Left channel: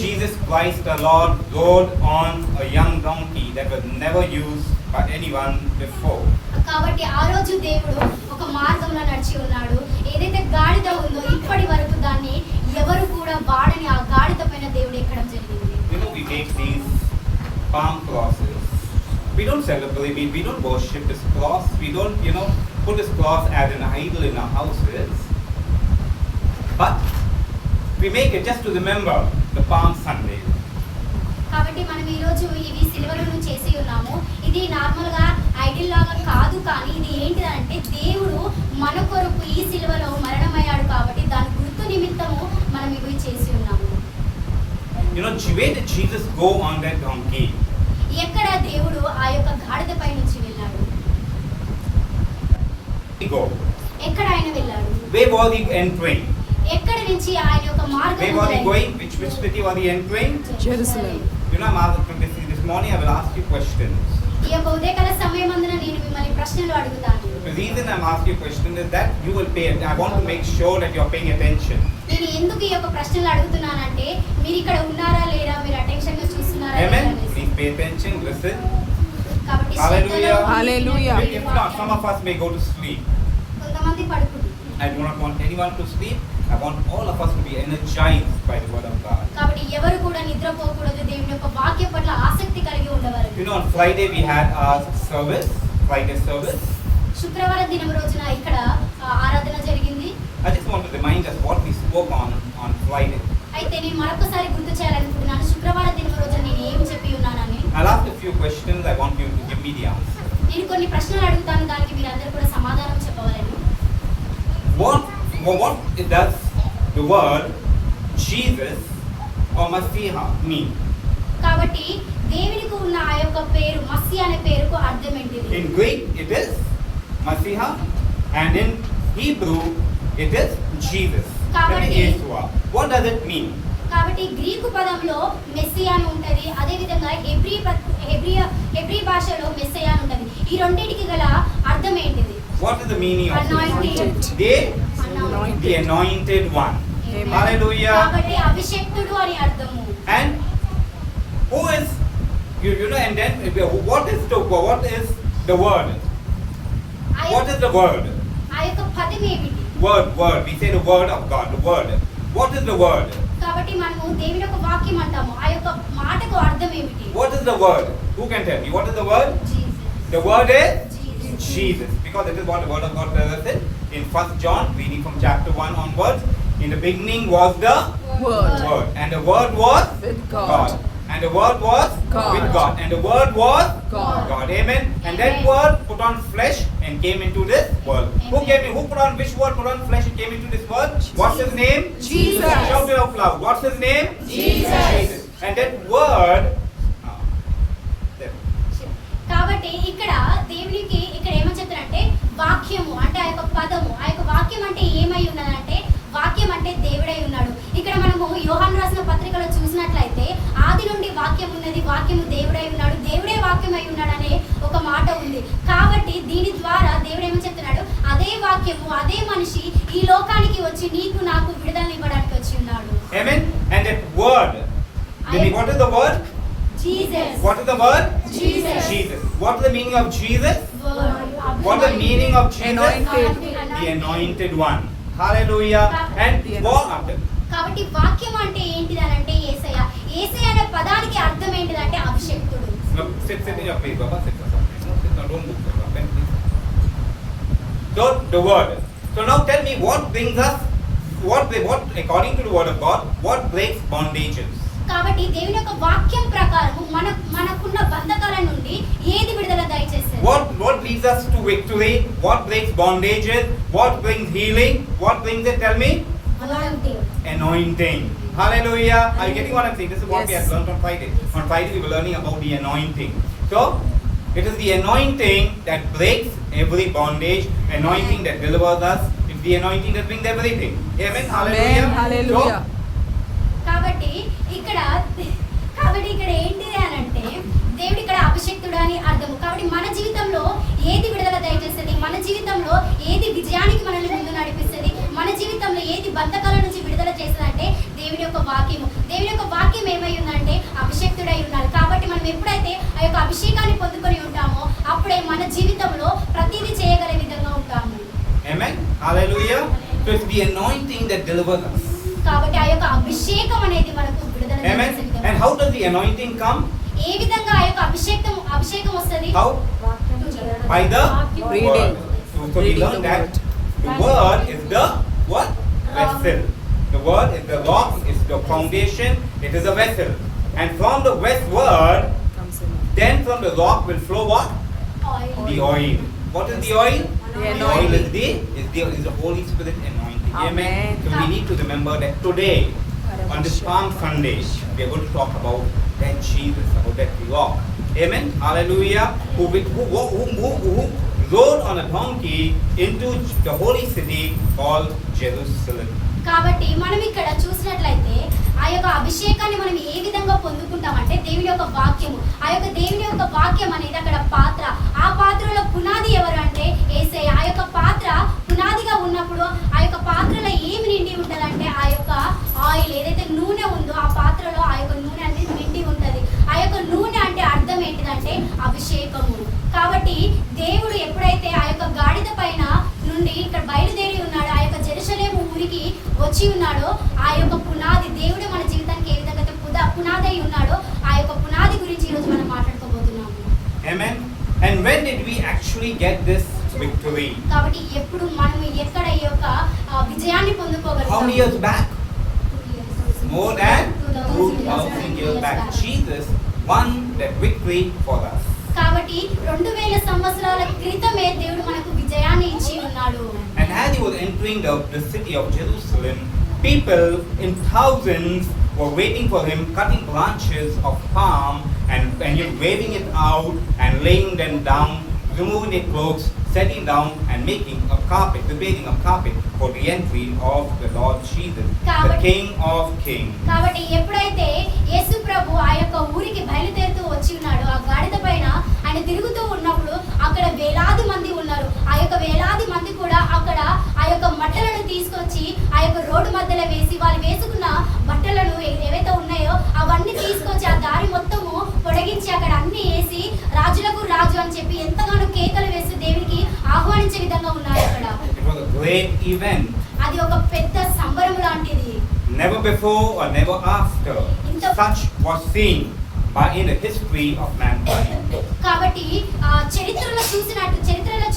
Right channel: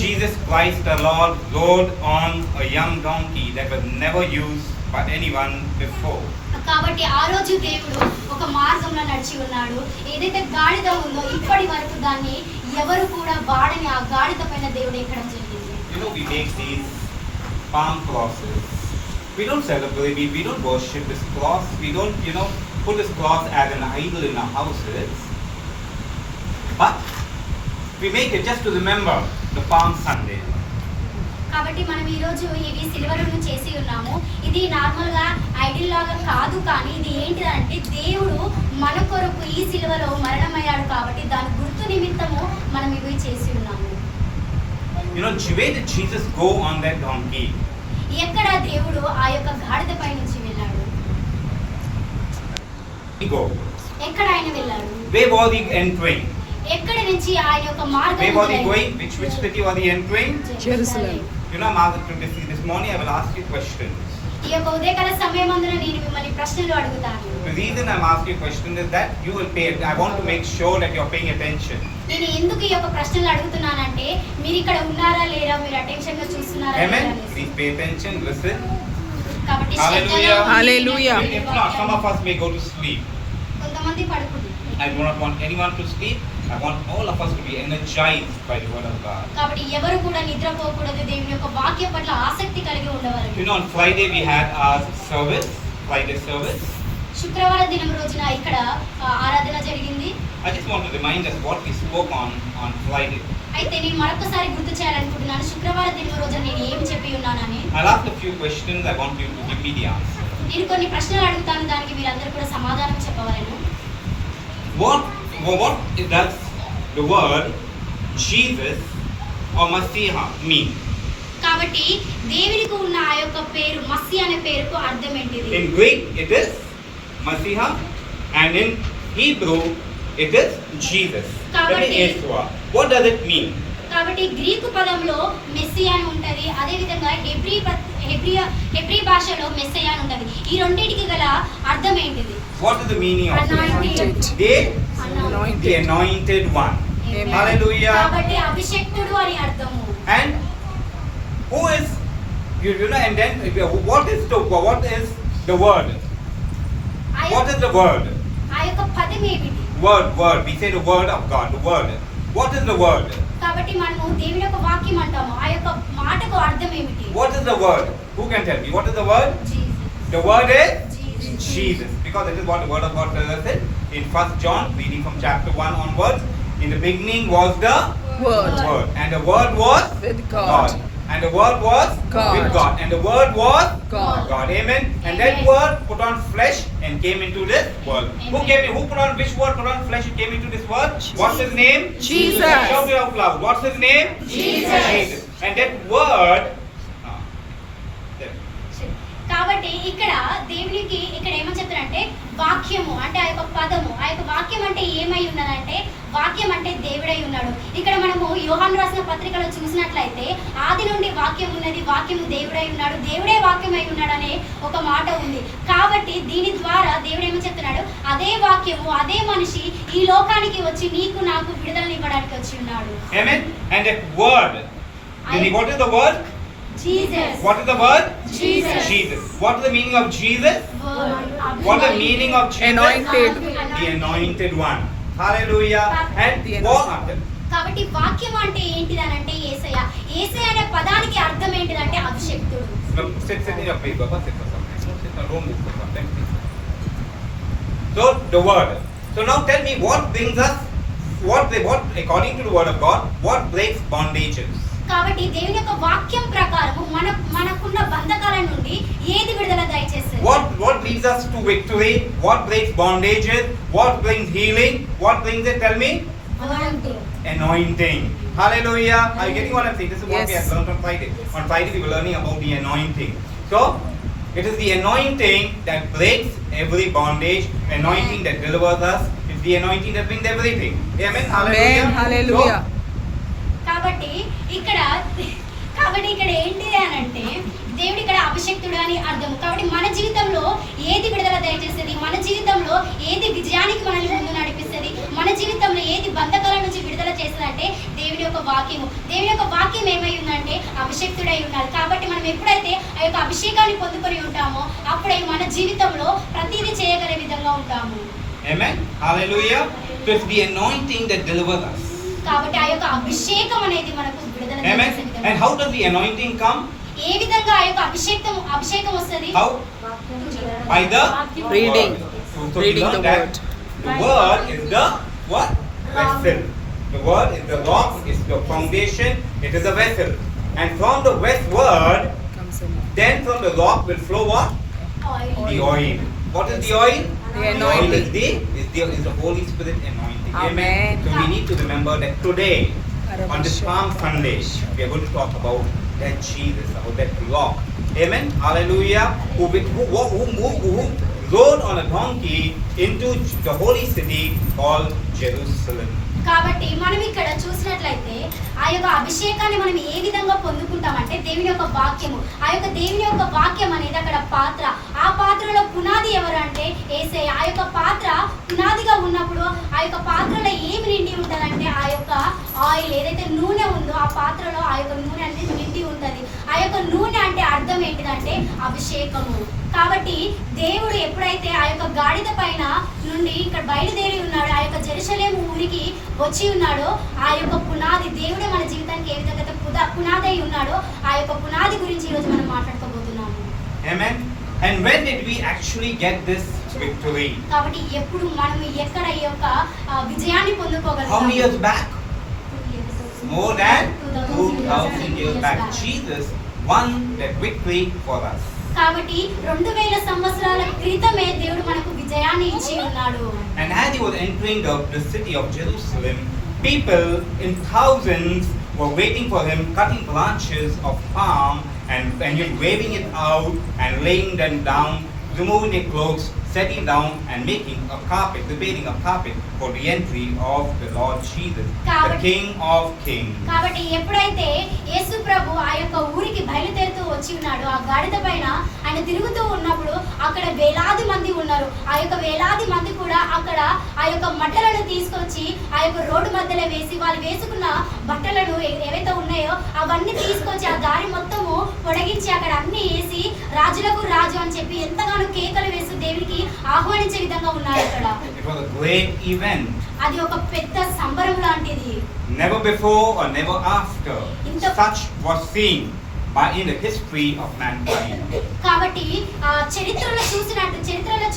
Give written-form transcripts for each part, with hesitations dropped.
Jesus Christ the Lord rode on a young donkey that was never used by anyone before. కాబట్టి ఆ రోజు దేవుడు ఒక మార్గంలో నడిచి ఉన్నాడు. ఏదైతే గాడిద ఉందో ఇప్పటి వరకు దాన్ని ఎవరు కూడా వాడని ఆ గాడిద పైన దేవుడు ఎక్కడం జరిగింది. We make these palm crosses. We don't celebrate, we don't worship this cross. We don't, put this cross as an idol in our houses. But we make it just to remember the Palm Sunday. కాబట్టి మనం ఈ రోజు ఇవి సిల్వలను చేసి ఉన్నాము. ఇది normal గా idol లాగా కాదు, కానీ ఇది ఏంటిదంటే దేవుడు మన కొరకు ఈ సిల్వలో మరణమయ్యాడు కాబట్టి దాని గుర్తు నిమిత్తము మనం ఇవి చేసి ఉన్నాము. Where did Jesus go on that donkey? ఎక్కడ దేవుడు ఆ యొక్క గాడిద పై నుంచి వెళ్ళాడు? Go. ఎక్కడ ఆయన వెళ్ళాడు? Where was he entering? ఎక్కడ నుంచి ఆ యొక్క మార్గం Where was he going? Which city was he entering? Jerusalem. This morning I will ask you questions. ఈ యొక్క ఉదయకాల సమయమందున నేను మిమ్మల్ని ప్రశ్నలు అడుగుతాను. The reason I'm asking you question is that you will pay. I want to make sure that you're paying attention. నేను ఎందుకు ఈ యొక్క ప్రశ్నలు అడుగుతున్నానంటే మీరు ఇక్కడ ఉన్నారా లేరా, మీరు అటెన్షన్ గా చూస్తున్నారా లేదా Amen. అనేసి. Please pay attention. Listen. కాబట్టి Hallelujah. Hallelujah. If not, some of us may go to sleep. కొంతమంది పడుకుంటారు. I do not want anyone to sleep. I want all of us to be energized by the word of God. కాబట్టి ఎవరు కూడా నిద్రపోకూడదు, దేవుని యొక్క వాక్యం పట్ల ఆసక్తి కలిగి ఉండవాలి. On Friday we had our service, Friday service. శుక్రవారం దినం రోజున ఇక్కడ ఆరాధన జరిగింది. I just want to remind us what we spoke on Friday. అయితే నేను మరొకసారి గుర్తు చేయాలనుకుంటున్నాను శుక్రవారం దినం రోజున నేను ఏం చెప్పి ఉన్నానని. I'll ask a few questions. I want you to give me the answer. నేను కొన్ని ప్రశ్నలు అడుగుతాను, దానికి మీరందరూ కూడా సమాధానం చెప్పవాలను. What does the word Jesus or Messiah mean? కాబట్టి దేవునికి ఉన్న ఆ యొక్క పేరు మస్సీ అనే పేరుకు అర్థం ఏంటిది? In Greek it is Messiah and in Hebrew it is Jesus. Yeshua. What does it mean? కాబట్టి గ్రీకు పదంలో మెస్సియా అని ఉంటది, అదే విధంగా హెబ్రీ భాషలో మెస్సియా అని ఉంటది. ఈ రెండింటికి గల అర్థం ఏంటిది? What is the meaning of the anointed one? Hallelujah. కాబట్టి అభిషేక్తుడు అని అర్థము. And who is and then what is the word? What is the word? ఆ యొక్క పదం ఏమిటి? Word. We say the word of God. The word. What is the word? కాబట్టి మనము దేవుని యొక్క వాక్యం అంటాము. ఆ యొక్క మాటకు అర్థం ఏమిటి? What is the word? Who can tell me? What is the word? Jesus. The word is Jesus. Because this is what the word of God tells us in 1 John, reading from chapter 1 onwards. In the beginning was the Word. And the word was With God. And the word was God. with God. And the word was God. Amen. And that word put on flesh and came into this world. Amen. Which word put on flesh and came into this world? What's his name? Jesus. Shout it out loud. What's his name? Jesus. And that word కాబట్టి ఇక్కడ దేవునికి ఇక్కడ ఏమని చెప్తారంటే వాక్యము అంటే ఆ యొక్క పదము, ఆ యొక్క వాక్యం అంటే ఏమై ఉన్నదంటే వాక్యం అంటే దేవుడై ఉన్నాడు. ఇక్కడ మనము యోహాను రాసిన పత్రికలో చూసినట్లయితే ఆది నుండి వాక్యం ఉన్నది, వాక్యము దేవుడై ఉన్నాడు, దేవుడే వాక్యమై ఉన్నాడు అనే ఒక మాట ఉంది. కాబట్టి దీని ద్వారా దేవుడు ఏమని చెప్తున్నాడు, అదే వాక్యము అదే మనిషి ఈ లోకానికి వచ్చి నీకు నాకు విడుదలనివ్వడానికి వచ్చి ఉన్నాడు. Amen. And that word. What is the word? Jesus. What is the word? Jesus. What is the meaning of Jesus? What is the meaning of Jesus? Anointed. The anointed one. Hallelujah. And కాబట్టి వాక్యం అంటే ఏంటిదనంటే యేసయ్య. యేసయ్య అనే పదానికి అర్థం ఏంటిదంటే అభిషేక్తుడు. Sit in your place, Baba. Sit for something. Don't move for something. So the word. So now tell me what brings us, what according to the word of God, what breaks bondages? కాబట్టి దేవుని యొక్క వాక్యం ప్రకారము మనకున్న బంధకాల నుండి ఏది విడుదల దయచేస్తుంది? What leads us to victory? What breaks bondages? What brings healing? What brings it? Tell me. Anointing. Hallelujah. Are you getting what I'm saying? This is what we have learned on Friday. On Friday we were learning about the anointing. So it is the anointing that breaks every bondage, the anointing that delivers us. It's the anointing that brings everything. Amen. Hallelujah. Hallelujah. కాబట్టి ఇక్కడ ఏంటిది అని అంటే దేవుడు ఇక్కడ అభిషేక్తుడు అని అర్థం. కాబట్టి మన జీవితంలో ఏది విడుదల దయచేస్తుంది, మన జీవితంలో ఏది విజయానికి మనల్ని ముందు నడిపిస్తుంది, మన జీవితంలో ఏది బంధకాల నుంచి విడుదల చేస్తుందంటే దేవుని యొక్క వాక్యము. దేవుని యొక్క వాక్యం ఏమై ఉందంటే అభిషేక్తుడై ఉన్నాడు. కాబట్టి మనం ఎప్పుడైతే ఆ యొక్క అభిషేకాన్ని పొందుకొని ఉంటామో అప్పుడే మన జీవితంలో ప్రతిదీ చేయగలిగే విధంగా ఉంటాము. Amen. Hallelujah. So it's the anointing that delivers us. కాబట్టి ఆ యొక్క అభిషేకం అనేది మనకు విడుదల చేసే Amen. విధంగా. And how does the anointing come? ఏ విధంగా ఆ యొక్క అభిషేకం వస్తది? How? By the Reading. word. So we Reading learn the that word. the word is the what? Rock. Vessel. The word is the rock, is the foundation, it is a vessel. And from the word, Comes in. then from the rock will flow what? Oil. The oil. What is the oil? The oil anointing. is the Holy Spirit anointing. Amen. So we need to remember that today, on this Karabasha. Palm Sunday, we are going to talk about that Jesus, about that rock. Amen. Hallelujah. Who rode on a donkey into the holy city called Jerusalem. కాబట్టి మనం ఇక్కడ చూసినట్లయితే ఆ యొక్క అభిషేకాన్ని మనం ఏ విధంగా పొందుకుంటామంటే దేవుని యొక్క వాక్యము. ఆ యొక్క దేవుని యొక్క వాక్యం అనేది అక్కడ పాత్ర. ఆ పాత్రలో పునాది ఎవరు అంటే యేసయ్య. ఆ యొక్క పాత్ర పునాదిగా ఉన్నప్పుడు ఆ యొక్క పాత్రలో ఏమి నిండి ఉంటుందంటే ఆ యొక్క ఆయిల్, ఏదైతే నూనె ఉందో ఆ పాత్రలో ఆ యొక్క నూనె అనేది నిండి ఉంటుంది. ఆ యొక్క నూనె అంటే అర్థం ఏంటిదంటే అభిషేకము. కాబట్టి దేవుడు ఎప్పుడైతే ఆ యొక్క గాడిద పైన నుండి ఇక్కడ బయలుదేరి ఉన్నాడో, ఆ యొక్క జెరూసలేము ఊరికి వచ్చి ఉన్నాడో, ఆ యొక్క పునాది దేవుడే మన జీవితానికి ఏ విధంగా అయితే పునాది అయి ఉన్నాడో ఆ యొక్క పునాది గురించి ఈరోజు మనం మాట్లాడుకోబోతున్నాము. Amen. And when did we actually get this victory? కాబట్టి ఎప్పుడు మనం ఎక్కడ ఈ యొక్క విజయాన్ని How పొందుకోగలుగుతాము? many years back? More than 2000 2,000 years back. Jesus won that victory for us. కాబట్టి 2000 సంవత్సరాల క్రితమే దేవుడు మనకు విజయాన్ని ఇచ్చి ఉన్నాడు. And as he was entering the city of Jerusalem, people in thousands were waiting for him, cutting branches of palm and waving it out and laying them down, removing their clothes, setting down and making a carpet, preparing a carpet for the entry of the Lord Jesus, the King of Kings. కాబట్టి ఎప్పుడైతే యేసు ప్రభు ఆ యొక్క ఊరికి బయలుదేరుతూ వచ్చి ఉన్నాడో, ఆ గాడిద పైన ఆయన తిరుగుతూ ఉన్నప్పుడు అక్కడ వేలాది మంది ఉన్నారు. ఆ యొక్క వేలాది మంది కూడా అక్కడ ఆ యొక్క మట్టలను తీసుకొచ్చి ఆ యొక్క రోడ్డు మధ్యలో వేసి వాళ్ళు వేసుకున్న బట్టలను ఏవైతే ఉన్నాయో అవన్నీ తీసుకొచ్చి ఆ దారి మొత్తము పొడిగించి అక్కడ అన్ని వేసి రాజులకు రాజు అని చెప్పి ఎంతగానో కేకలు వేసి దేవునికి ఆహ్వానించే విధంగా ఉన్నారు అక్కడ. It was a great event. అది ఒక పెద్ద సంబరం లాంటిది. Never before or never after such was seen in the history of mankind. కాబట్టి చరిత్రలో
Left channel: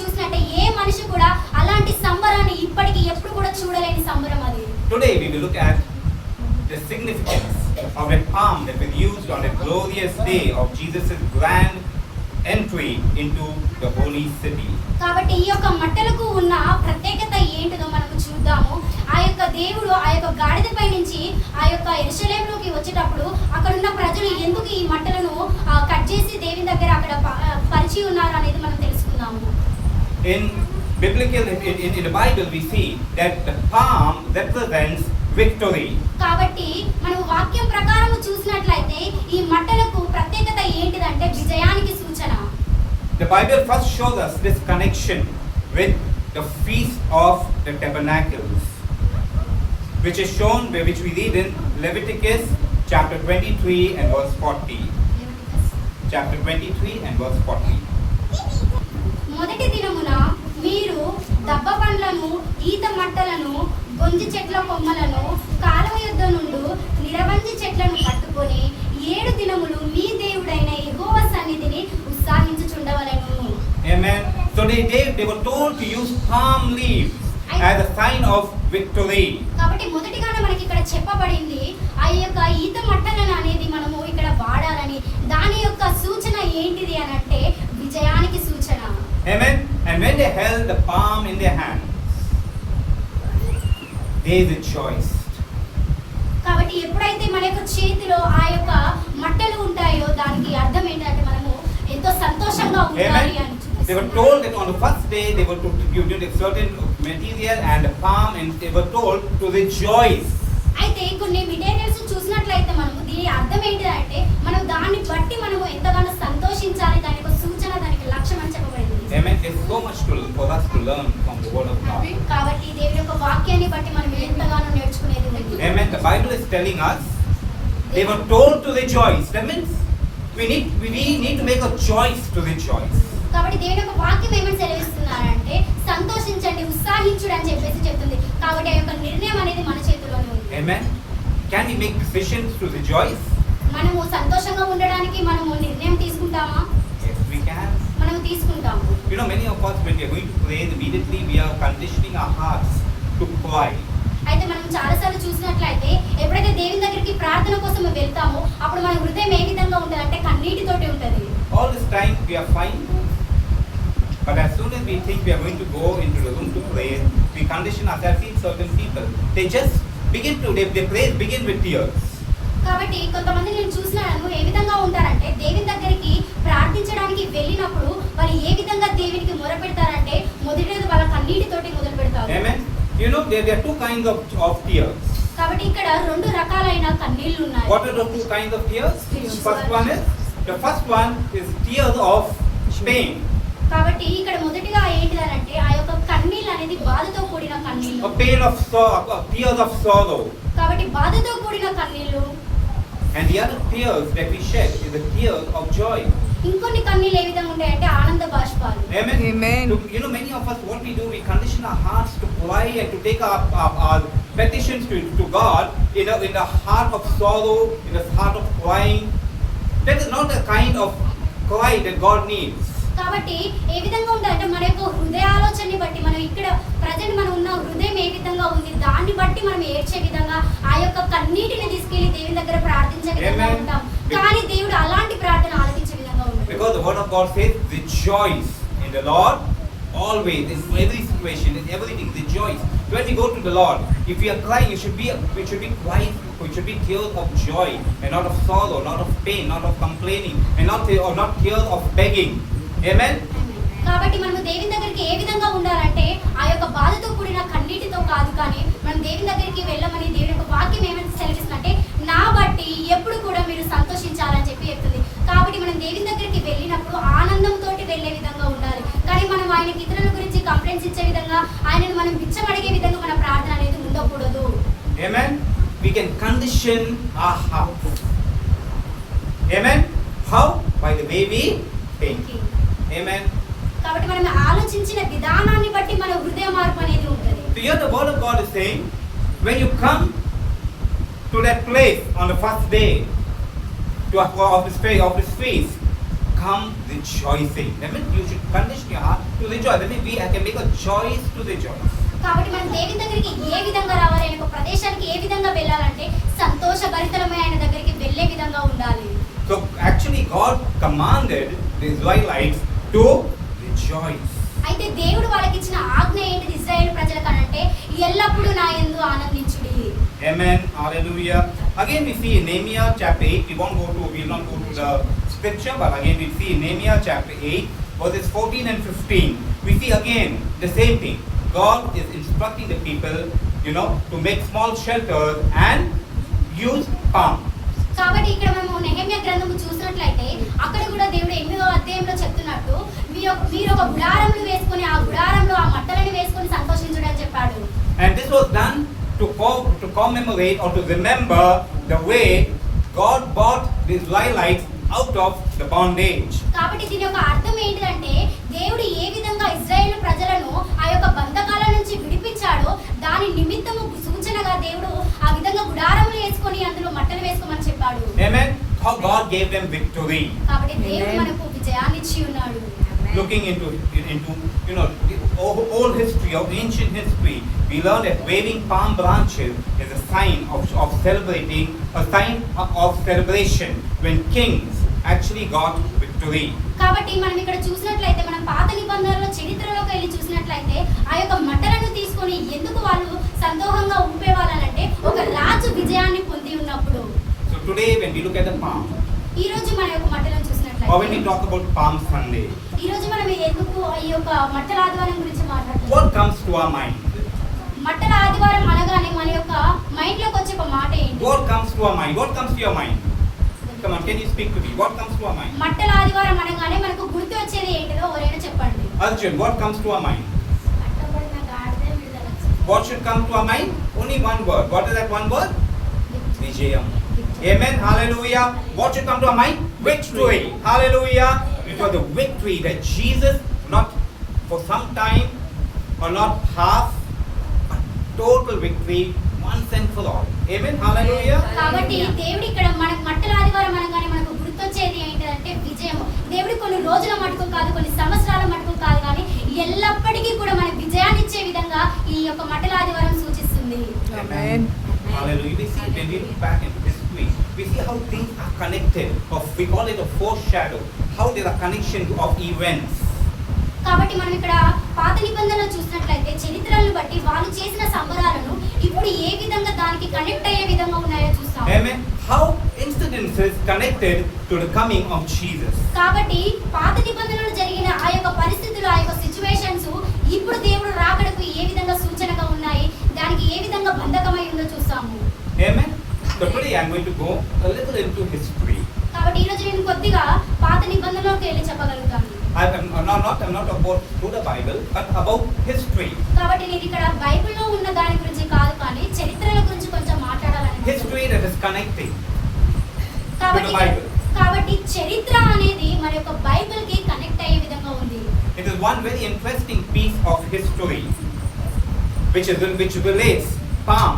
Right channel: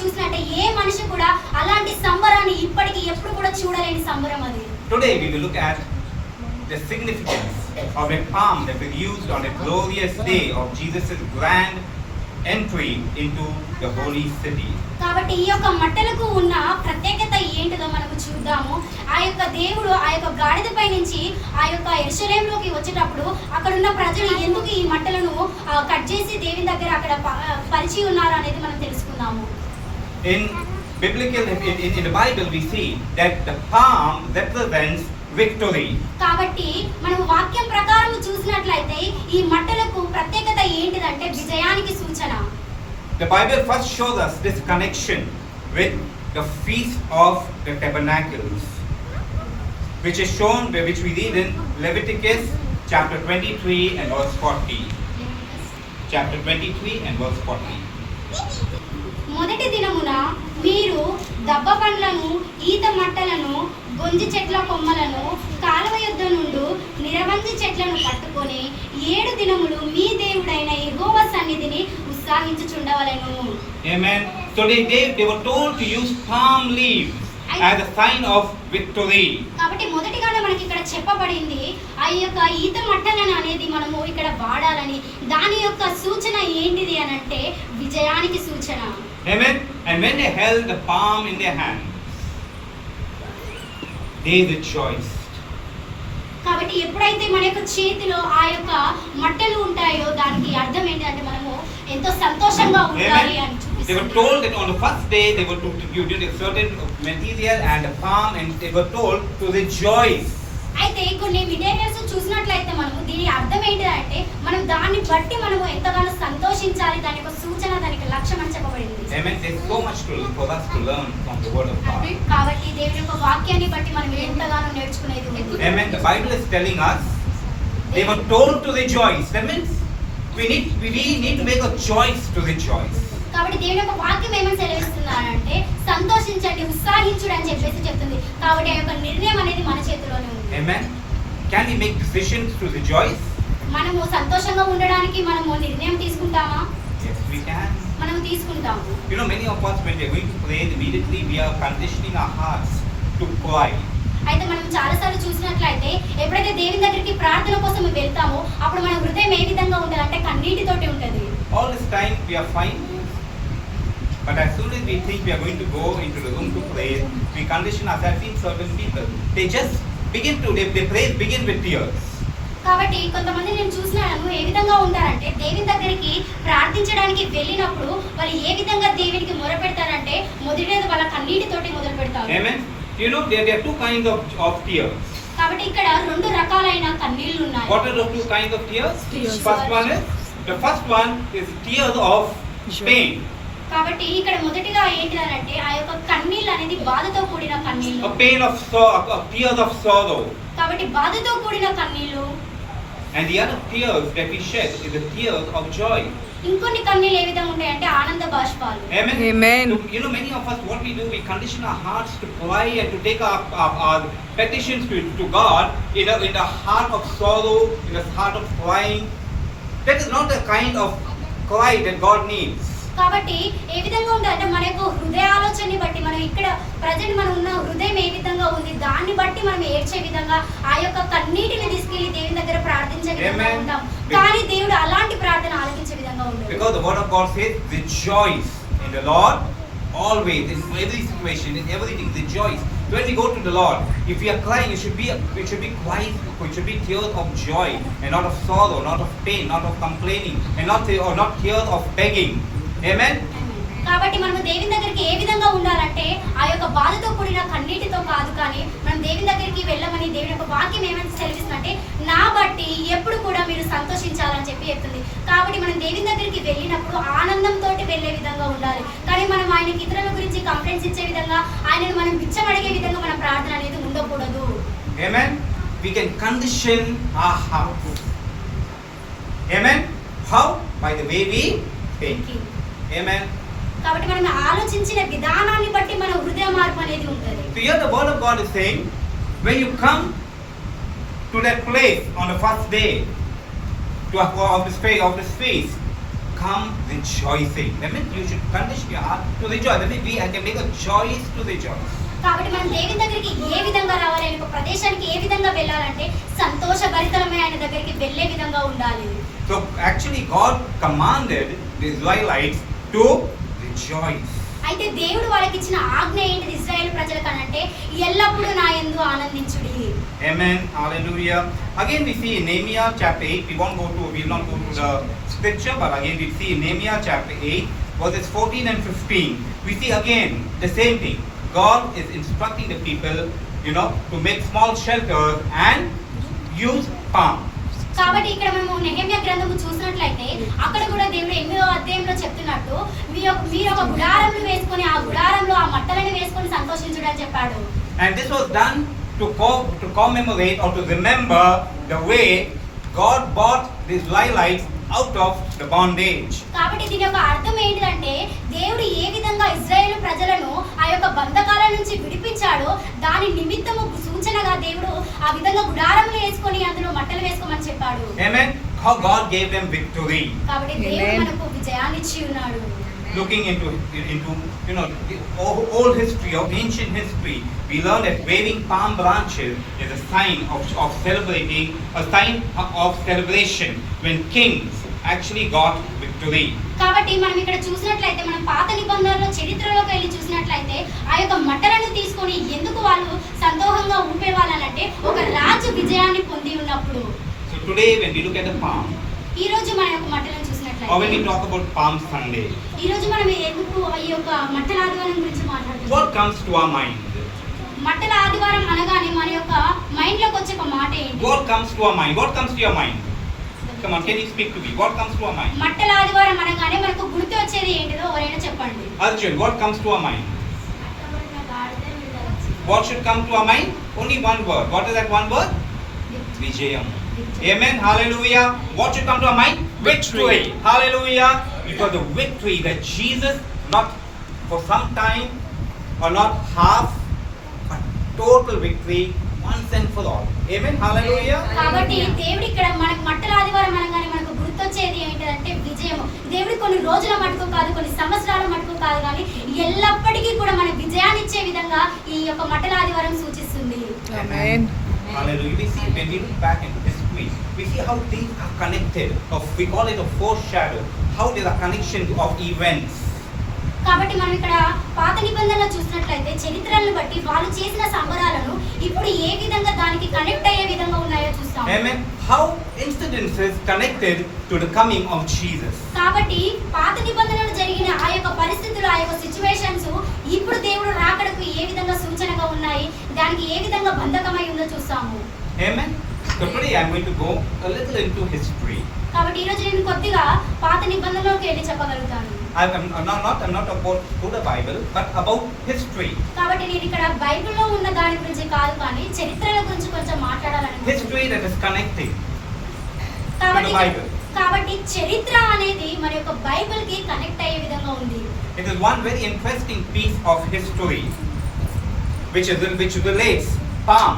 చూసినట్టే ఏ మనిషి కూడా అలాంటి సంబరాన్ని ఇప్పటికి ఎప్పుడు కూడా చూడలేని సంబరం అది. Today we will look at the significance of a palm that was used on the glorious day of Jesus' grand entry into the holy city. కాబట్టి ఈ యొక్క మట్టలకు ఉన్న ప్రత్యేకత ఏంటిదో మనము చూద్దాము. ఆ యొక్క దేవుడు ఆ యొక్క గాడిదపై నుంచి ఆ యొక్క యెరూషలేములోకి వచ్చేటప్పుడు అక్కడ ఉన్న ప్రజలు ఎందుకు ఈ మట్టలను కట్ చేసి దేవుని దగ్గర అక్కడ పరిచి ఉన్నారు అనేది మనం తెలుసుకుందాము. In the Bible we see that the palm represents victory. కాబట్టి మనం వాక్యం ప్రకారం చూసినట్లయితే ఈ మట్టలకు ప్రత్యేకత ఏంటిదంటే విజయానికి సూచన. The Bible first shows us this connection with the feast of the tabernacles, which is shown, which we read in Leviticus chapter 23 and verse 40. Chapter 23 and verse 40. మొదటి దినమున మీరు దబ్బ పండ్లను, ఈత మట్టలను, గొంజి చెట్ల కొమ్మలను, కాలువ యొద్ద నుండి నిరవంజి చెట్లను పట్టుకొని 7 దినములు మీ దేవుడైన యెహోవా సన్నిధిని ఉత్సాహించుచుండవలెను. Amen. So they were told to use palm leaves as a sign of victory. కాబట్టి మొదటిగానే మనకి ఇక్కడ చెప్పబడింది ఆ యొక్క ఈత మట్టలను అనేది మనము ఇక్కడ వాడాలని. దాని యొక్క సూచన ఏంటిది అని అంటే విజయానికి సూచన. Amen. And when they held the palm in their hand, they rejoiced. కాబట్టి ఎప్పుడైతే మన యొక్క చేతిలో ఆ యొక్క మట్టలు ఉంటాయో దానికి అర్థం ఏంటంటే మనము ఎంతో సంతోషంగా ఉండాలి అని They were చూపిస్తుంది. told that on the first day they were to give a certain material and a palm, and they were told to rejoice. అయితే కొన్ని మెటీరియల్స్ చూసినట్లయితే మనము దీని అర్థం ఏంటిదంటే మనం దాన్ని బట్టి మనము ఎంతగానో సంతోషించాలి, దాని యొక్క సూచన, దానికి లక్ష్యం అని చెప్పబడింది. Amen. There's so much for us to learn from the word of God. కాబట్టి దేవుని యొక్క వాక్యాన్ని బట్టి మనం ఎంతగానో నేర్చుకునేది ఉంది. Amen. The Bible is telling us they were told to rejoice. That means we need to make a choice to rejoice. కాబట్టి దేవుని యొక్క వాక్యం ఏమని సెలవిస్తున్నారంటే సంతోషించండి, ఉత్సాహించుడు అని చెప్పేసి చెప్తుంది. కాబట్టి ఆ యొక్క నిర్ణయం అనేది మన చేతిలోనే ఉంది. Amen. Can we make decisions to rejoice? మనము సంతోషంగా ఉండడానికి మనము నిర్ణయం తీసుకుంటామా? Yes, we can. మనం తీసుకుంటాము. You know, many of us, when we are going to pray, immediately we are conditioning our hearts to cry. అయితే మనం చాలాసార్లు చూసినట్లయితే ఎప్పుడైతే దేవుని దగ్గరికి ప్రార్థన కోసం వెళ్తామో అప్పుడు మన హృదయం ఏ విధంగా ఉంటుంది అంటే కన్నీటితోటి ఉంటుంది. All this time we are fine, but as soon as we think we are going to go into the room to pray, we condition ourselves. See certain people, they just begin to they pray begin with tears. కాబట్టి కొంతమంది నేను చూసినాను ఏ విధంగా ఉంటారంటే దేవుని దగ్గరికి ప్రార్థించడానికి వెళ్ళినప్పుడు వాళ్ళు ఏ విధంగా దేవునికి మొరపెడతారంటే మొదటిది వాళ్ళ కన్నీటితోటి మొదలు పెడతారు. Amen. You know, there are two kinds of tears. కాబట్టి ఇక్కడ రెండు రకాలైన కన్నీళ్లు ఉన్నాయి. What are the two kinds of tears? Tears. The first one is tears of pain. కాబట్టి ఇక్కడ మొదటిగా ఏంటిదనంటే ఆ యొక్క కన్నీళ్ళు అనేది బాధతో కూడిన కన్నీళ్ళు. A pain of tears of sorrow. కాబట్టి బాధతో కూడిన కన్నీళ్ళు. And the other tears that we shed is the tears of joy. ఇంకొన్ని కన్నీళ్ళు ఏ విధంగా ఉంటాయంటే ఆనంద బాష్పాలు. Amen. Amen. So, you know, many of us, what we do, we condition our hearts to cry and to take our petitions to God in a heart of sorrow, in a heart of crying. That is not the kind of cry that God needs. కాబట్టి ఏ విధంగా ఉండాలంటే మన యొక్క హృదయ ఆలోచనని బట్టి మనం ఇక్కడ ప్రజెంట్ మనం ఉన్న హృదయం ఏ విధంగా ఉంది దాన్ని బట్టి మనం ఏడ్చే విధంగా ఆ యొక్క కన్నీటిని తీసుకెళ్లి దేవుని దగ్గర ప్రార్థించే విధంగా Amen. ఉంటాం. కానీ దేవుడు అలాంటి ప్రార్థన ఆలకించే విధంగా ఉండదు. Because the word of God says, rejoice in the Lord always, in every situation, in everything, rejoice. When we go to the Lord, if we are crying, it should be crying, it should be tears of joy, and not of sorrow, not of pain, not of complaining, and not tears of begging. Amen. కాబట్టి మనం దేవుని దగ్గరికి ఏ విధంగా ఉండాలంటే ఆ యొక్క బాధతో కూడిన కన్నీటితో కాదు, కానీ మనం దేవుని దగ్గరికి వెళ్ళమని దేవుని యొక్క వాక్యం ఏమని సెలవిస్తుందంటే నా బట్టి ఎప్పుడు కూడా మీరు సంతోషించాలని చెప్పి చెప్తుంది. కాబట్టి మనం దేవుని దగ్గరికి వెళ్ళినప్పుడు ఆనందంతో వెళ్ళే విధంగా ఉండాలి. కానీ మనం ఆయనకి ఇతరుల గురించి కంప్లైంట్స్ ఇచ్చే విధంగా ఆయనను మనం బిచ్చమడిగే విధంగా మన ప్రార్థన అనేది ఉండకూడదు. Amen. We can condition our hearts. Amen. How? By the way we think. Amen. కాబట్టి మనం ఆలోచించిన విధానాన్ని బట్టి మన హృదయ మార్పు అనేది ఉంటుంది. So here the word of God is saying, when you come to that place on the first day of this feast, come rejoicing. That means you should condition your heart to rejoice. That means we can make a choice to rejoice. కాబట్టి మనం దేవుని దగ్గరికి ఏ విధంగా రావాలి, ఒక ప్రదేశానికి ఏ విధంగా వెళ్ళాలంటే సంతోషభరితమైన ఆయన దగ్గరికి వెళ్ళే విధంగా ఉండాలి. So actually God commanded the Israelites to rejoice. అయితే దేవుడు వాళ్ళకి ఇచ్చిన ఆజ్ఞ ఏంటిది ఇశ్రాయేలు ప్రజలకు అంటే ఎల్లప్పుడూ నా యందు ఆనందించుడి. Amen. Hallelujah. Again we see in Nehemiah chapter 8, we will not go to the scripture, but again we see in Nehemiah chapter 8 verses 14 and 15. We see again the same thing. God is instructing the people, to make small shelters and use palm. కాబట్టి ఇక్కడ మేము నెహెమ్యా గ్రంథము చూసినట్లయితే అక్కడ కూడా దేవుడు 8వ అధ్యాయంలో చెప్తున్నట్టు మీరు ఒక గుడారంను వేసుకొని ఆ గుడారంలో ఆ మట్టలను వేసుకొని సంతోషించుడు అని చెప్పాడు. And this was done to commemorate or to remember the way God brought the Israelites out of the bondage. కాబట్టి దీని యొక్క అర్థం ఏంటంటే దేవుడు ఏ విధంగా ఇశ్రాయేలు ప్రజలను ఆ యొక్క బంధకాల నుంచి విడిపించాడో దాని నిమిత్తము సూచనగా దేవుడు ఆ విధంగా గుడారంలో వేసుకొని అందులో మట్టలు వేసుకోమని చెప్పాడు. Amen. How God gave them victory. కాబట్టి దేవుడు మనకు విజయాన్ని ఇచ్చి ఉన్నాడు. Looking into the old history, of ancient history, we learn that waving palm branches is a sign of celebrating, a sign of celebration when kings actually got victory. కాబట్టి మనం ఇక్కడ చూసినట్లయితే మనం పాత నిబంధనలో చరిత్రలోకి వెళ్ళి చూసినట్లయితే ఆ యొక్క మట్టలను తీసుకొని ఎందుకు వాళ్ళు సంతోషంగా ఊపేవాళ్ళనంటే ఒక రాజు విజయాన్ని పొంది ఉన్నప్పుడు. So today when we look at the palm, ఈ రోజు మన యొక్క మట్టలను or when చూసినట్లయితే we talk about Palm Sunday, ఈ రోజు మనం ఎందుకు ఈ యొక్క మట్టల ఆదివారం గురించి మాట్లాడుతున్నాం? what comes to our mind? మట్టల ఆదివారం అనగానే మన యొక్క మైండ్ లోకి వచ్చే ఒక మాట what comes to our mind? What comes to your mind? Come on, can you speak to me? What comes to our mind? మట్టల ఆదివారం అనగానే మనకు గుర్తు వచ్చేది ఏంటిదో ఎవరైనా చెప్పండి. Arjun, what comes to our mind? కట్టబడిన గాడిద మిడతలు. What should come to our mind? Only one word. What is that one word? Vijayam. Amen. Hallelujah. What should come to our mind? Victory. Hallelujah. Because the victory that Jesus, not for some time or not half, but total victory once and for all. Amen. Hallelujah. కాబట్టి దేవుడు ఇక్కడ మనకు మట్టల ఆదివారం అనగానే మనకు గుర్తొచ్చేది ఏంటిదంటే విజయము. దేవుడు కొన్ని రోజుల మటుకు కాదు, కొన్ని సంవత్సరాల మటుకు కాదు, కానీ ఎల్లప్పటికీ కూడా మనకు విజయాన్ని ఇచ్చే విధంగా ఈ యొక్క మట్టల ఆదివారం సూచిస్తుంది. Amen. Hallelujah. We see when we look back into history, we see how things are connected. We call it a foreshadow. How there are connection of events. కాబట్టి మనం ఇక్కడ పాత నిబంధనలు చూసినట్లయితే చరిత్రలను బట్టి వాళ్ళు చేసిన సంబరాలను ఇప్పుడు ఏ విధంగా దానికి కనెక్ట్ అయ్యే విధంగా ఉన్నాయో చూస్తాం. Amen. How incidences connected to the coming of Jesus. కాబట్టి పాత నిబంధనలు జరిగిన ఆ యొక్క పరిస్థితులు, ఆ యొక్క సిచ్యువేషన్స్ ఇప్పుడు దేవుడు రాకడకు ఏ విధంగా సూచనగా ఉన్నాయి, దానికి ఏ విధంగా బంధకమై ఉందో చూస్తాము. Amen. So today I'm going to go a little into history. కాబట్టి ఈ రోజు నేను కొద్దిగా పాత నిబంధనలోకి వెళ్ళి చెప్పగలుగుతాను. I'm not about through the Bible, but about history. కాబట్టి నేను ఇక్కడ బైబిల్లో ఉన్న దాని గురించి కాదు, కానీ చరిత్రల గురించి కొంచెం మాట్లాడాలని. History that is connecting కాబట్టి to the Bible. కాబట్టి చరిత్ర అనేది మన యొక్క బైబిల్ కి కనెక్ట్ అయ్యే విధంగా ఉంది. It is one very interesting piece of history which relates palm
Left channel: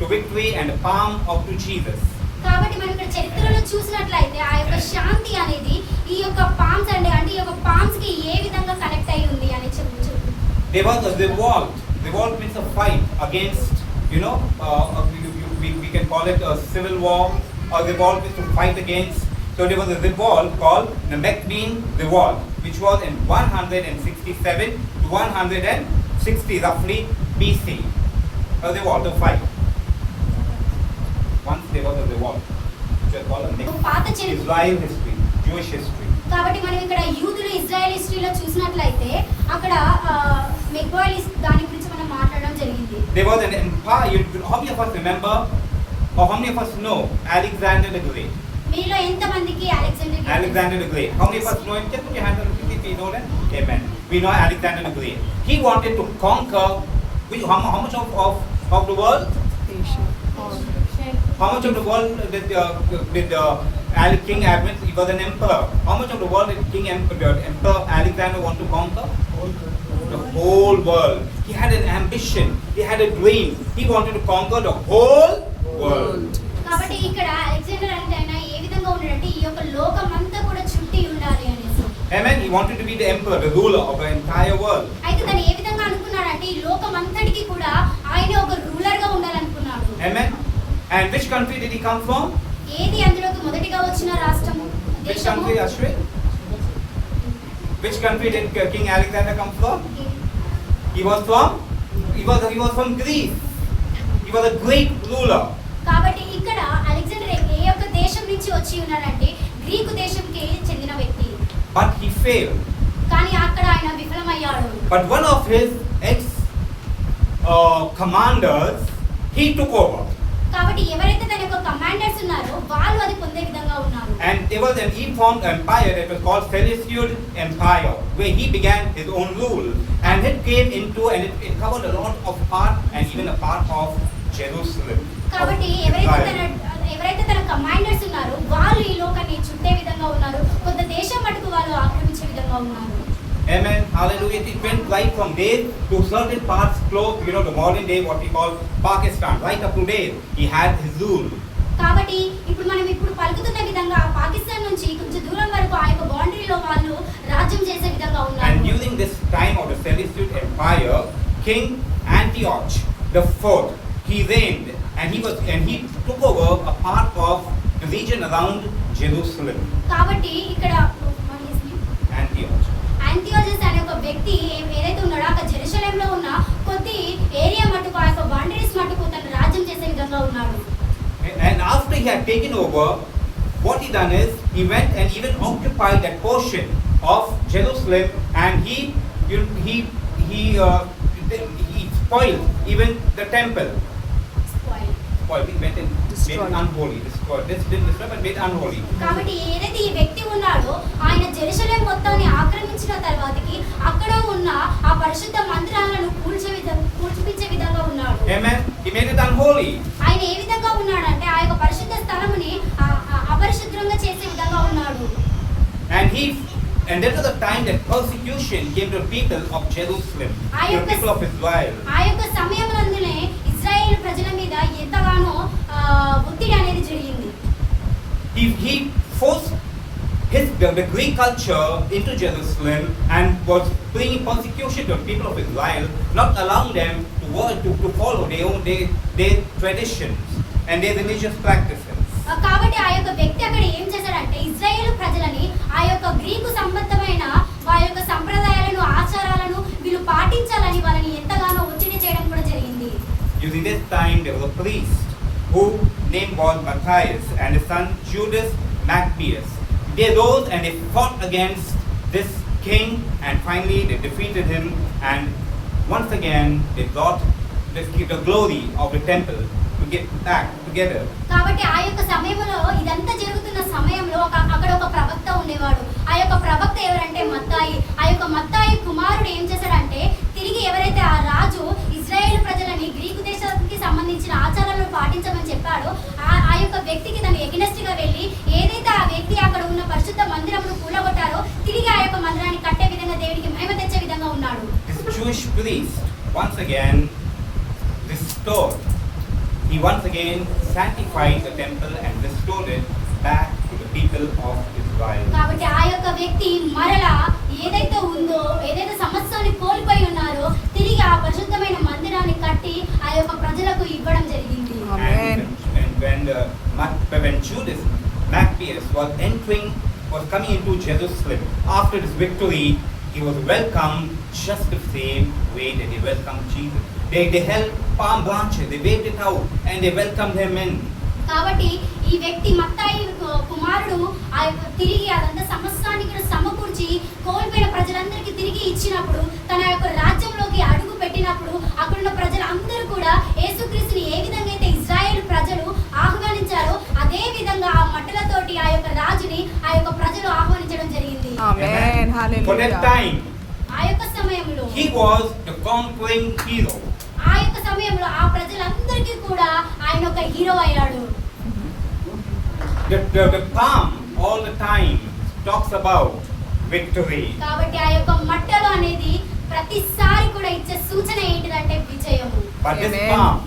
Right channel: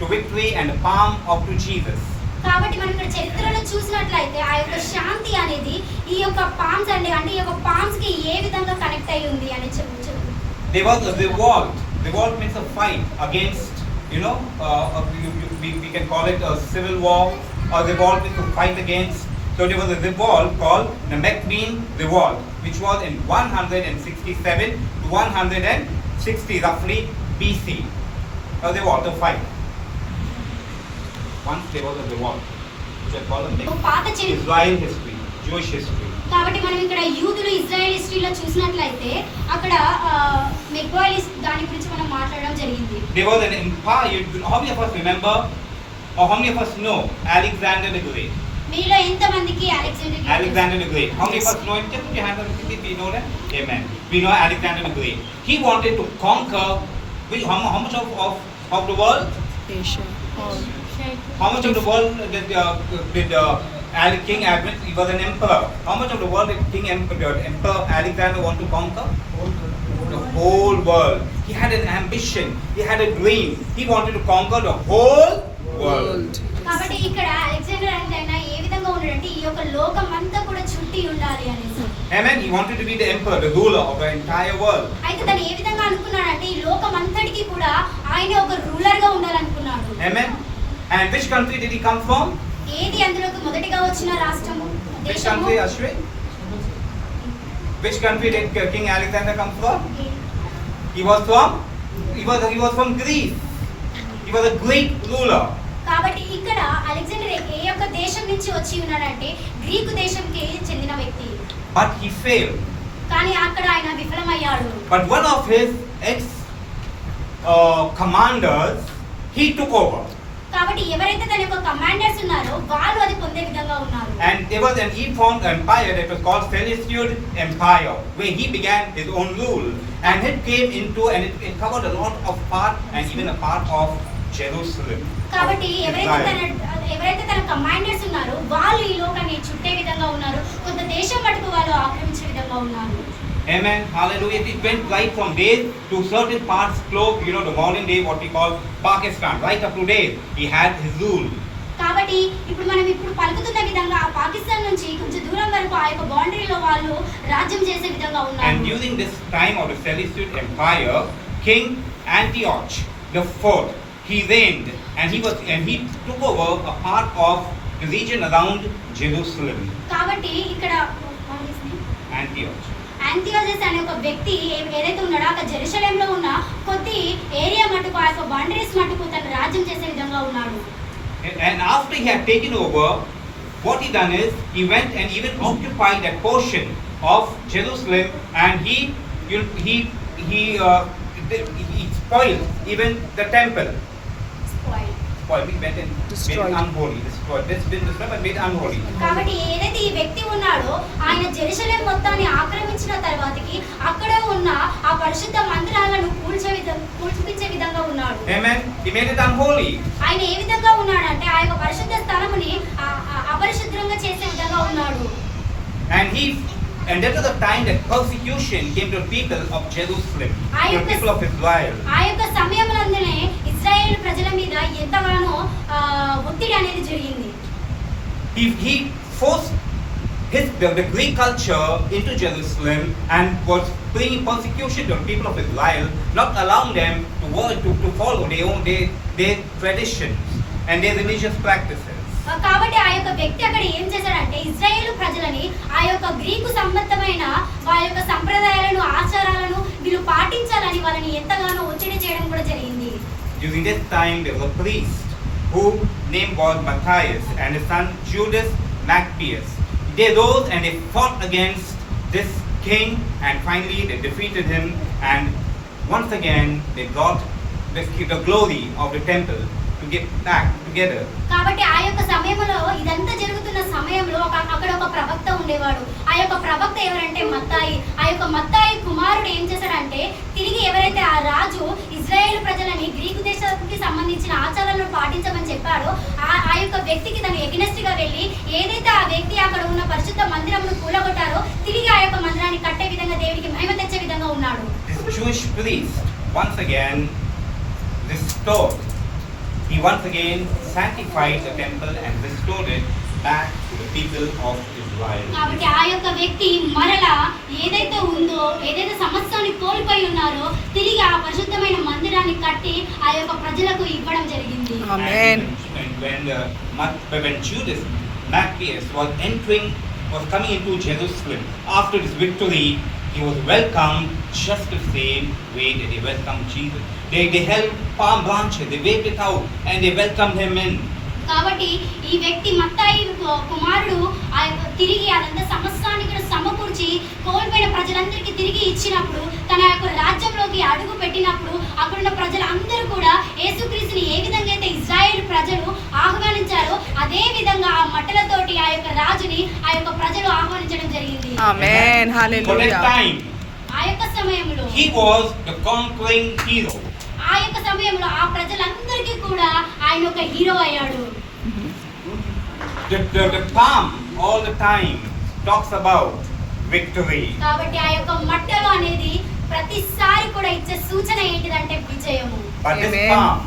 to victory and palm of to Jesus. కాబట్టి మనం ఇక్కడ చరిత్రలో చూసినట్లయితే ఆ యొక్క శాంతి అనేది ఈ యొక్క పామ్స్ అంటే ఈ యొక్క పామ్స్ కి ఏ విధంగా కనెక్ట్ అయి ఉంది అని చెప్పు. There was a revolt. Revolt means a fight against, we can call it a civil war, or revolt means to fight against. So there was a revolt called the Maccabean Revolt, which was in 167 to 160 roughly BC. A revolt, a fight. Once there was a revolt, which I call a పాత చరిత్ర. Israel history, Jewish history. కాబట్టి మనం ఇక్కడ యూదులు Israel హిస్టరీలో చూసినట్లయితే అక్కడ మెగ్వాయిస్ దాని గురించి మనం మాట్లాడడం జరిగింది. There was an empire. How many of us remember, or how many of us know Alexander the Great? మీలో ఎంతమందికి Alexander the Great. How many of us know him? Just put your hands up if you know that. Amen. We know Alexander the Great. He wanted to conquer how much of the world? Asia. All. How much of the world did King Alexander? He was an emperor. How much of the world did Emperor Alexander want to conquer? The whole world. He had an ambition. He had a dream. He wanted to conquer the whole world. కాబట్టి ఇక్కడ Alexander అంటే ఆయన ఏ విధంగా ఉన్నాడంటే ఈ యొక్క లోకం అంతా కూడా చుట్టి ఉండాలి అనేసి. Amen. He wanted to be the emperor, the ruler of the entire world. అయితే తను ఏ విధంగా అనుకున్నాడంటే ఈ లోకం అంతటికి కూడా ఆయన ఒక రూలర్ గా ఉండాలనుకున్నాడు. Amen. And which country did he come from? ఏది అందులోకి మొదటిగా వచ్చిన రాష్ట్రము Which country, Ashwin? Which country did King Alexander come from? He was from Greece. He was a Greek ruler. కాబట్టి ఇక్కడ అలెగ్జాండర్ ఏ యొక్క దేశం నుంచి వచ్చి ఉన్నాడంటే గ్రీకు దేశంకి చెందిన వ్యక్తి. But he failed. కానీ అక్కడ ఆయన విఫలమయ్యాడు. But one of his commanders, he took over. కాబట్టి ఎవరైతే తన యొక్క కమాండర్స్ ఉన్నారో వాళ్ళు అది పొందే విధంగా ఉన్నారు. And there was an he-formed empire that was called Seleucid Empire, where he began his own rule, and it came into and it covered a lot of part and even a part of Jerusalem. కాబట్టి ఎవరైతే తన commanders ఉన్నారో వాళ్ళు ఈ లోకాన్ని చుట్టే విధంగా ఉన్నారు. కొంత దేశం మటుకు వాళ్ళు ఆక్రమించే విధంగా ఉన్నారు. Amen. Hallelujah. It went right from there to certain parts close, the modern day, what we call Pakistan. Right up to there, he had his rule. కాబట్టి ఇప్పుడు మనం పలుకుతున్న విధంగా పాకిస్తాన్ నుంచి కొంచెం దూరం వరకు ఆ యొక్క బౌండరీలో వాళ్ళు రాజ్యం చేసే విధంగా ఉన్నారు. And during this time of the Seleucid Empire, King Antioch the Fourth, he reigned, and he took over a part of the region around Jerusalem. కాబట్టి ఇక్కడ Antioch. యాంతియోచస్ అనే ఒక వ్యక్తి ఏదైతే ఉన్నాడో అక్కడ జెరూసలేంలో ఉన్న కొద్ది ఏరియా మటుకు ఆ యొక్క బౌండరీస్ మటుకు తను రాజ్యం చేసే విధంగా ఉన్నాడు. And after he had taken over, what he done is he went and even occupied that portion of Jerusalem, and he spoiled even the temple. spoiled. He went and made Destroyed. it unholy. Destroyed. This didn't destroy, but made unholy. కాబట్టి ఏదైతే ఈ వ్యక్తి ఉన్నాడో ఆయన Jerusalem మొత్తాన్ని ఆక్రమించిన తర్వాతకి అక్కడ ఉన్న ఆ పరిశుద్ధ మందిరాలను కూల్చిపించే విధంగా ఉన్నాడు. Amen. He made it unholy. ఆయన ఏ విధంగా ఉన్నాడంటే ఆ యొక్క పరిశుద్ధ స్థలముని అపరిశుద్ధంగా చేసే విధంగా ఉన్నాడు. And that was the time that persecution came to the people of Jerusalem, to the people of Israel. ఆ యొక్క సమయంలోనే ఇశ్రాయేలు ప్రజల మీద ఎంతగానో ఒత్తిడి అనేది జరిగింది. He forced the Greek culture into Jerusalem and was bringing persecution to the people of Israel, not allowing them to follow their traditions and their religious practices. కాబట్టి ఆ యొక్క వ్యక్తి అక్కడ ఏం చేశాడంటే ఇశ్రాయేలు ప్రజలని ఆ యొక్క గ్రీకు సంబంధమైన వారి యొక్క సంప్రదాయాలను ఆచారాలను వీళ్ళు పాటించాలని వాళ్ళని ఎంతగానో ఒత్తిడి చేయడం కూడా జరిగింది. During this time there was a priest whose name was Matthias and his son Judas Maccabeus. They rose and they fought against this king and finally they defeated him, and once again they got the glory of the temple to get back together. కాబట్టి ఆ యొక్క సమయంలో ఇదంతా జరుగుతున్న సమయంలో అక్కడ ఒక ప్రవక్త ఉండేవాడు. ఆ యొక్క ప్రవక్త ఎవరంటే మత్తాయి. ఆ యొక్క మత్తాయి కుమారుడు ఏం చేశాడంటే తిరిగి ఎవరైతే ఆ రాజు ఇజ్రాయేల్ ప్రజలని గ్రీకు దేశానికి సంబంధించిన ఆచారాలను పాటించమని చెప్పాడో ఆ యొక్క వ్యక్తికి తను ఎగ్నెస్ట్ గా వెళ్ళి ఏదైతే ఆ వ్యక్తి అక్కడ ఉన్న పరిశుద్ధ మందిరమును కూలగొట్టారో తిరిగి ఆ యొక్క మందిరాన్ని కట్టే విధంగా దేవుడికి మహిమ తెచ్చే విధంగా ఉన్నాడు. This Jewish priest once again restored. He once again sanctified the temple and restored it back to the people of Israel. కాబట్టి ఆ యొక్క వ్యక్తి మరలా ఏదైతే ఉందో ఏదైతే సమస్యని కోల్పోయి ఉన్నారో తిరిగి ఆ పరిశుద్ధమైన మందిరాన్ని కట్టి ఆ యొక్క ప్రజలకు ఇవ్వడం జరిగింది. Amen. And when Judas Maccabeus was coming into Jerusalem after this victory, he was welcomed just the same way that they welcomed Jesus. They held palm branches, they waved it out, and they welcomed him in. కాబట్టి ఈ వ్యక్తి మత్తాయి కుమారుడు ఆ యొక్క తిరిగి అదంతా సమస్తాన్ని కూడా సమకూర్చి కోల్పోయిన ప్రజలందరికీ తిరిగి ఇచ్చినప్పుడు తన యొక్క రాజ్యంలోకి అడుగు పెట్టినప్పుడు అక్కడున్న ప్రజలందరూ కూడా యేసుక్రీస్తుని ఏ విధంగా అయితే ఇజ్రాయేల్ ప్రజలు ఆహ్వానించారో అదే విధంగా ఆ మట్టలతోటి ఆ యొక్క రాజుని ఆ యొక్క ప్రజలు ఆహ్వానించడం జరిగింది. Amen. For Hallelujah. that time, ఆ యొక్క సమయంలో he was the conquering hero. ఆ యొక్క సమయంలో ఆ ప్రజలందరికీ కూడా ఆయన ఒక హీరో అయ్యాడు. The palm all the time talks about victory. కాబట్టి ఆ యొక్క మట్టలు అనేది ప్రతిసారి కూడా ఇచ్చే సూచన ఏంటిదంటే విజయము. But this Amen. palm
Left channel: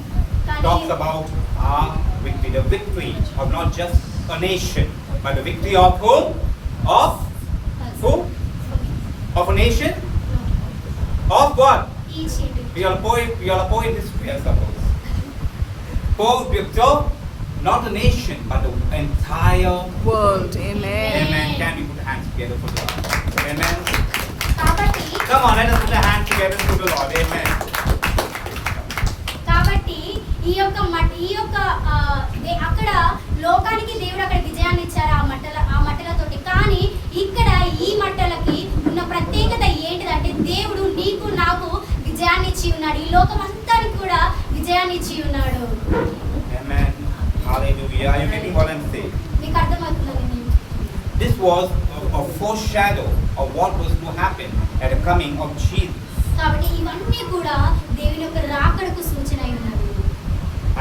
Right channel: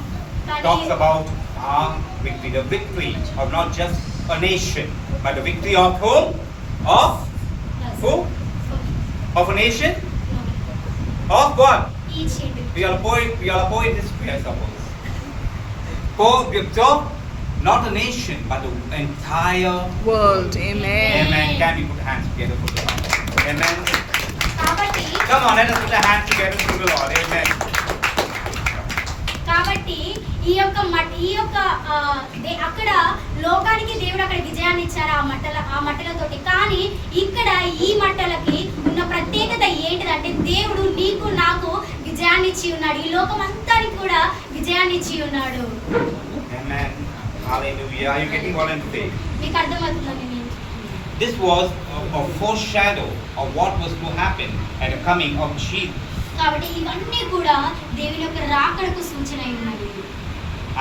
talks about our victory, the victory of not just a nation, but the victory of who? Of who? Of a nation? Of what? Each hit. We are a poet history, I suppose. So, not a nation, but the entire World. Amen. Amen. Can we put hands together for the Lord? Amen. కాబట్టి Come on, let us put the hands together for the Lord. Amen. కాబట్టి ఈ యొక్క అక్కడ లోకానికి దేవుడు అక్కడ విజయాన్ని ఇచ్చారు ఆ మట్టలతోటి. కానీ ఇక్కడ ఈ మట్టలకి ఉన్న ప్రత్యేకత ఏంటిదంటే దేవుడు నీకు నాకు విజయాన్ని ఇచ్చి ఉన్నాడు. ఈ లోకం అంతానికి కూడా విజయాన్ని ఇచ్చి ఉన్నాడు. Amen. Hallelujah. Are you getting what I'm saying? మీకు అర్థమవుతుందని This was a foreshadow of what was to happen at the coming of Jesus. కాబట్టి ఇవన్నీ కూడా దేవుని యొక్క రాకడకు సూచన అయి ఉన్నది.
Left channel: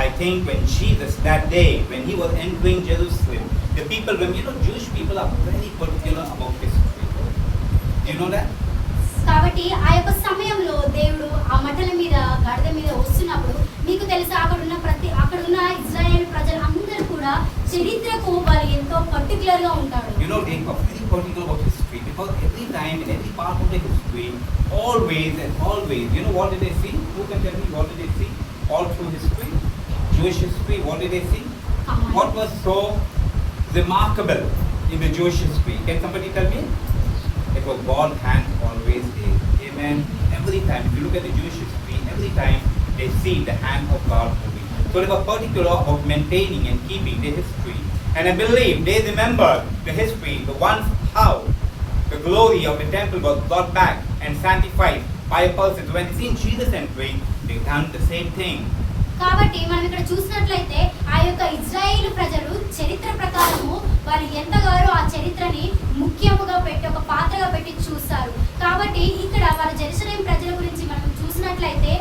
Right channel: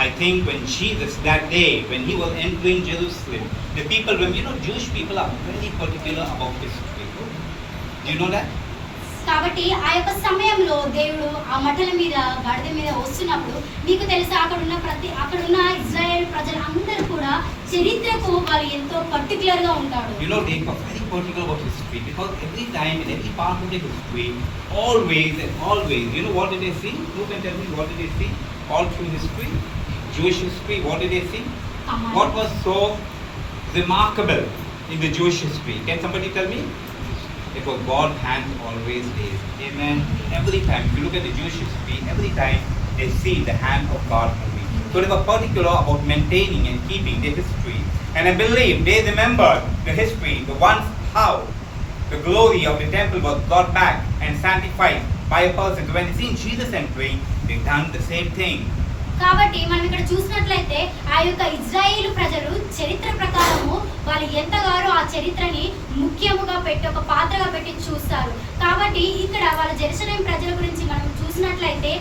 I think when Jesus, that day, when he was entering Jerusalem, the people, Jewish people are very particular about history. Do you know that? కాబట్టి ఆ యొక్క సమయంలో దేవుడు ఆ మట్టల మీద గాడిద మీద వస్తున్నప్పుడు మీకు తెలుసా అక్కడున్న ఇజ్రాయేల్ ప్రజలు అందరూ కూడా చరిత్రకు వాళ్ళు ఎంతో పర్టికులర్ గా ఉంటారు. They are very particular about history because every time in every part of the history, always, what did they see? Who can tell me what did they see? All through history, Jewish history, what did they see? What was so remarkable in the Jewish history? Can somebody tell me? It was God's hand always there. Amen. Every time, if you look at the Jewish history, every time they see the hand of God moving. So they were particular about maintaining and keeping their history. And I believe they remembered the history, the once how the glory of the temple was brought back and sanctified by a person. So when they seen Jesus entering, they done the same thing. కాబట్టి మనం ఇక్కడ చూసినట్లయితే ఆ యొక్క ఇజ్రాయేలు ప్రజలు చరిత్ర ప్రకారము వాళ్ళు ఎంతగానో ఆ చరిత్రని ముఖ్యముగా పెట్టి ఒక పాత్రగా పెట్టి చూస్తారు. కాబట్టి ఇక్కడ వాళ్ళ జెరూసలేం ప్రజల గురించి మనం చూసినట్లయితే,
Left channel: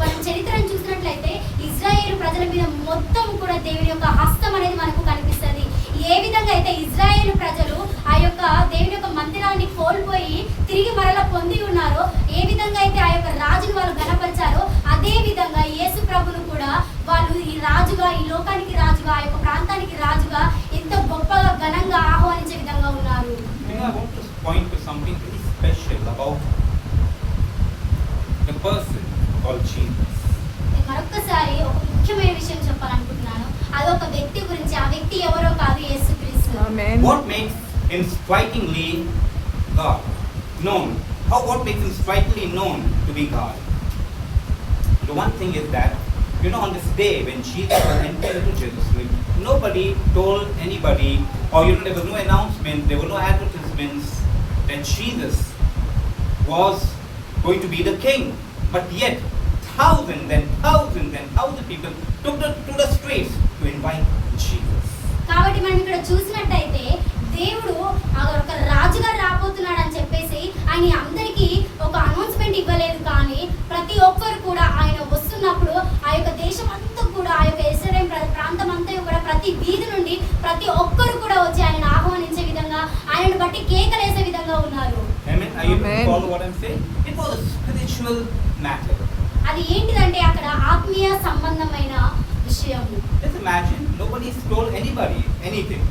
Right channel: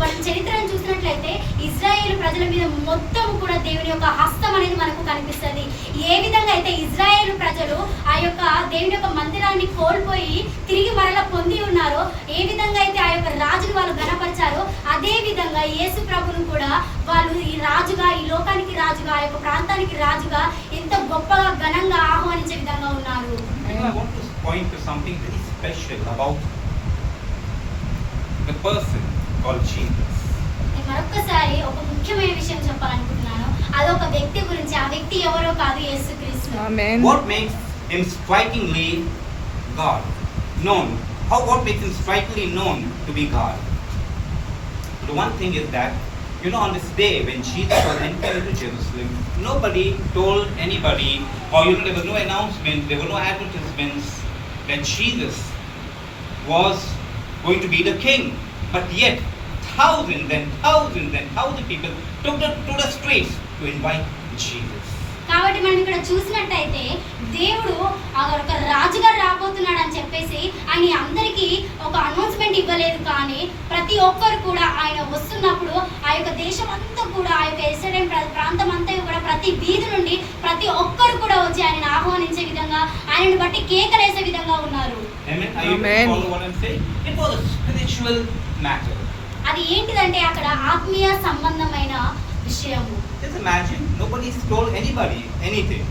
మనం చరిత్రను చూసినట్లయితే ఇజ్రాయేలు ప్రజల మీద మొత్తం కూడా దేవుని యొక్క హస్తం అనేది మనకు కనిపిస్తుంది. ఏ విధంగా అయితే ఇజ్రాయేలు ప్రజలు ఆ యొక్క దేవుని యొక్క మందిరాన్ని కోల్పోయి తిరిగి మరలా పొంది ఉన్నారో, ఏ విధంగా అయితే ఆ యొక్క రాజును వాళ్ళు గణపరిచారో, అదే విధంగా యేసు ప్రభును కూడా వాళ్ళు ఈ రాజుగా, ఈ లోకానికి రాజుగా, ఆ యొక్క ప్రాంతానికి రాజుగా ఎంతో గొప్పగా ఘనంగా ఆహ్వానించే విధంగా ఉన్నారు. I want to point to something very special about the person called Jesus. నేను మరొక్కసారి ఒక ముఖ్యమైన విషయం చెప్పాలనుకుంటున్నాను. అదొక వ్యక్తి గురించి. ఆ వ్యక్తి ఎవరో కాదు, యేసుక్రీస్తు. Amen. What makes him strikingly God known? What makes him strikingly known to be God? The one thing is that, you know, on this day when Jesus was entering into Jerusalem, nobody told anybody, or you know, there was no announcement, there were no advertisements that Jesus was going to be the king. But yet, thousands and thousands and thousands of people took to the streets to invite Jesus. కాబట్టి మనం ఇక్కడ చూసినట్టయితే దేవుడు ఒక రాజుగా రాబోతున్నాడు అని చెప్పేసి ఆయన అందరికీ ఒక అనౌన్స్మెంట్ ఇవ్వలేదు. కానీ ప్రతి ఒక్కరు కూడా ఆయన వస్తున్నప్పుడు ఆ యొక్క దేశం అంతా కూడా, ఆ యొక్క యెరూషలేం ప్రాంతం అంతా కూడా ప్రతి వీధి నుండి ప్రతి ఒక్కరు కూడా వచ్చి ఆయనను ఆహ్వానించే విధంగా, ఆయనను బట్టి కేకలేసే విధంగా ఉన్నారు. Amen. Are you able to follow what I'm saying? It was a spiritual matter. అది ఏంటిదంటే అక్కడ ఆత్మీయ సంబంధమైన విషయము. Just imagine, nobody told anybody anything.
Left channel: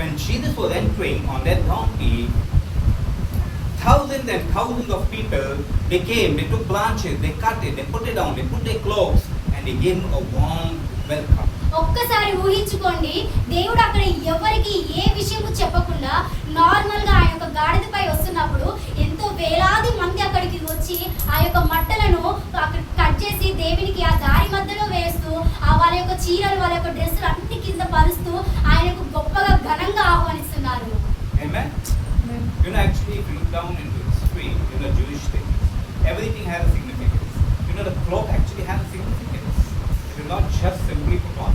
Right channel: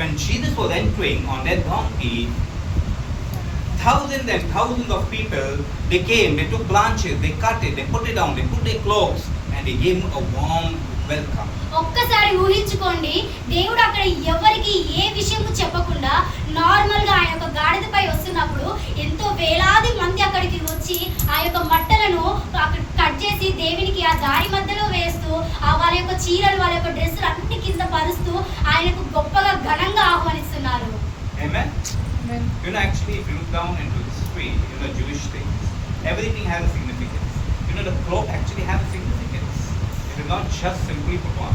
When Jesus was entering on that donkey, thousands and thousands of people, they came, they took branches, they cut it, they put it down, they put their cloaks, and they gave him a warm welcome. ఒక్కసారి ఊహించుకోండి, దేవుడు అక్కడ ఎవరికి ఏ విషయము చెప్పకుండా normal గా ఆయన యొక్క గాడిదపై వస్తున్నప్పుడు ఎంతో వేలాది మంది అక్కడికి వచ్చి ఆ యొక్క మట్టలను అక్కడ కట్ చేసి దేవునికి ఆ దారి మధ్యలో వేస్తూ, ఆ వాళ్ళ యొక్క చీరలు, వాళ్ళ యొక్క డ్రెస్సులు అన్ని కింద పరుస్తూ ఆయనకు గొప్పగా ఘనంగా ఆహ్వానిస్తున్నారు. Amen. You know, actually, if you look down into the street, you know, Jewish things, everything has a significance. You know, the cloak actually has a significance. It is not just simply for God.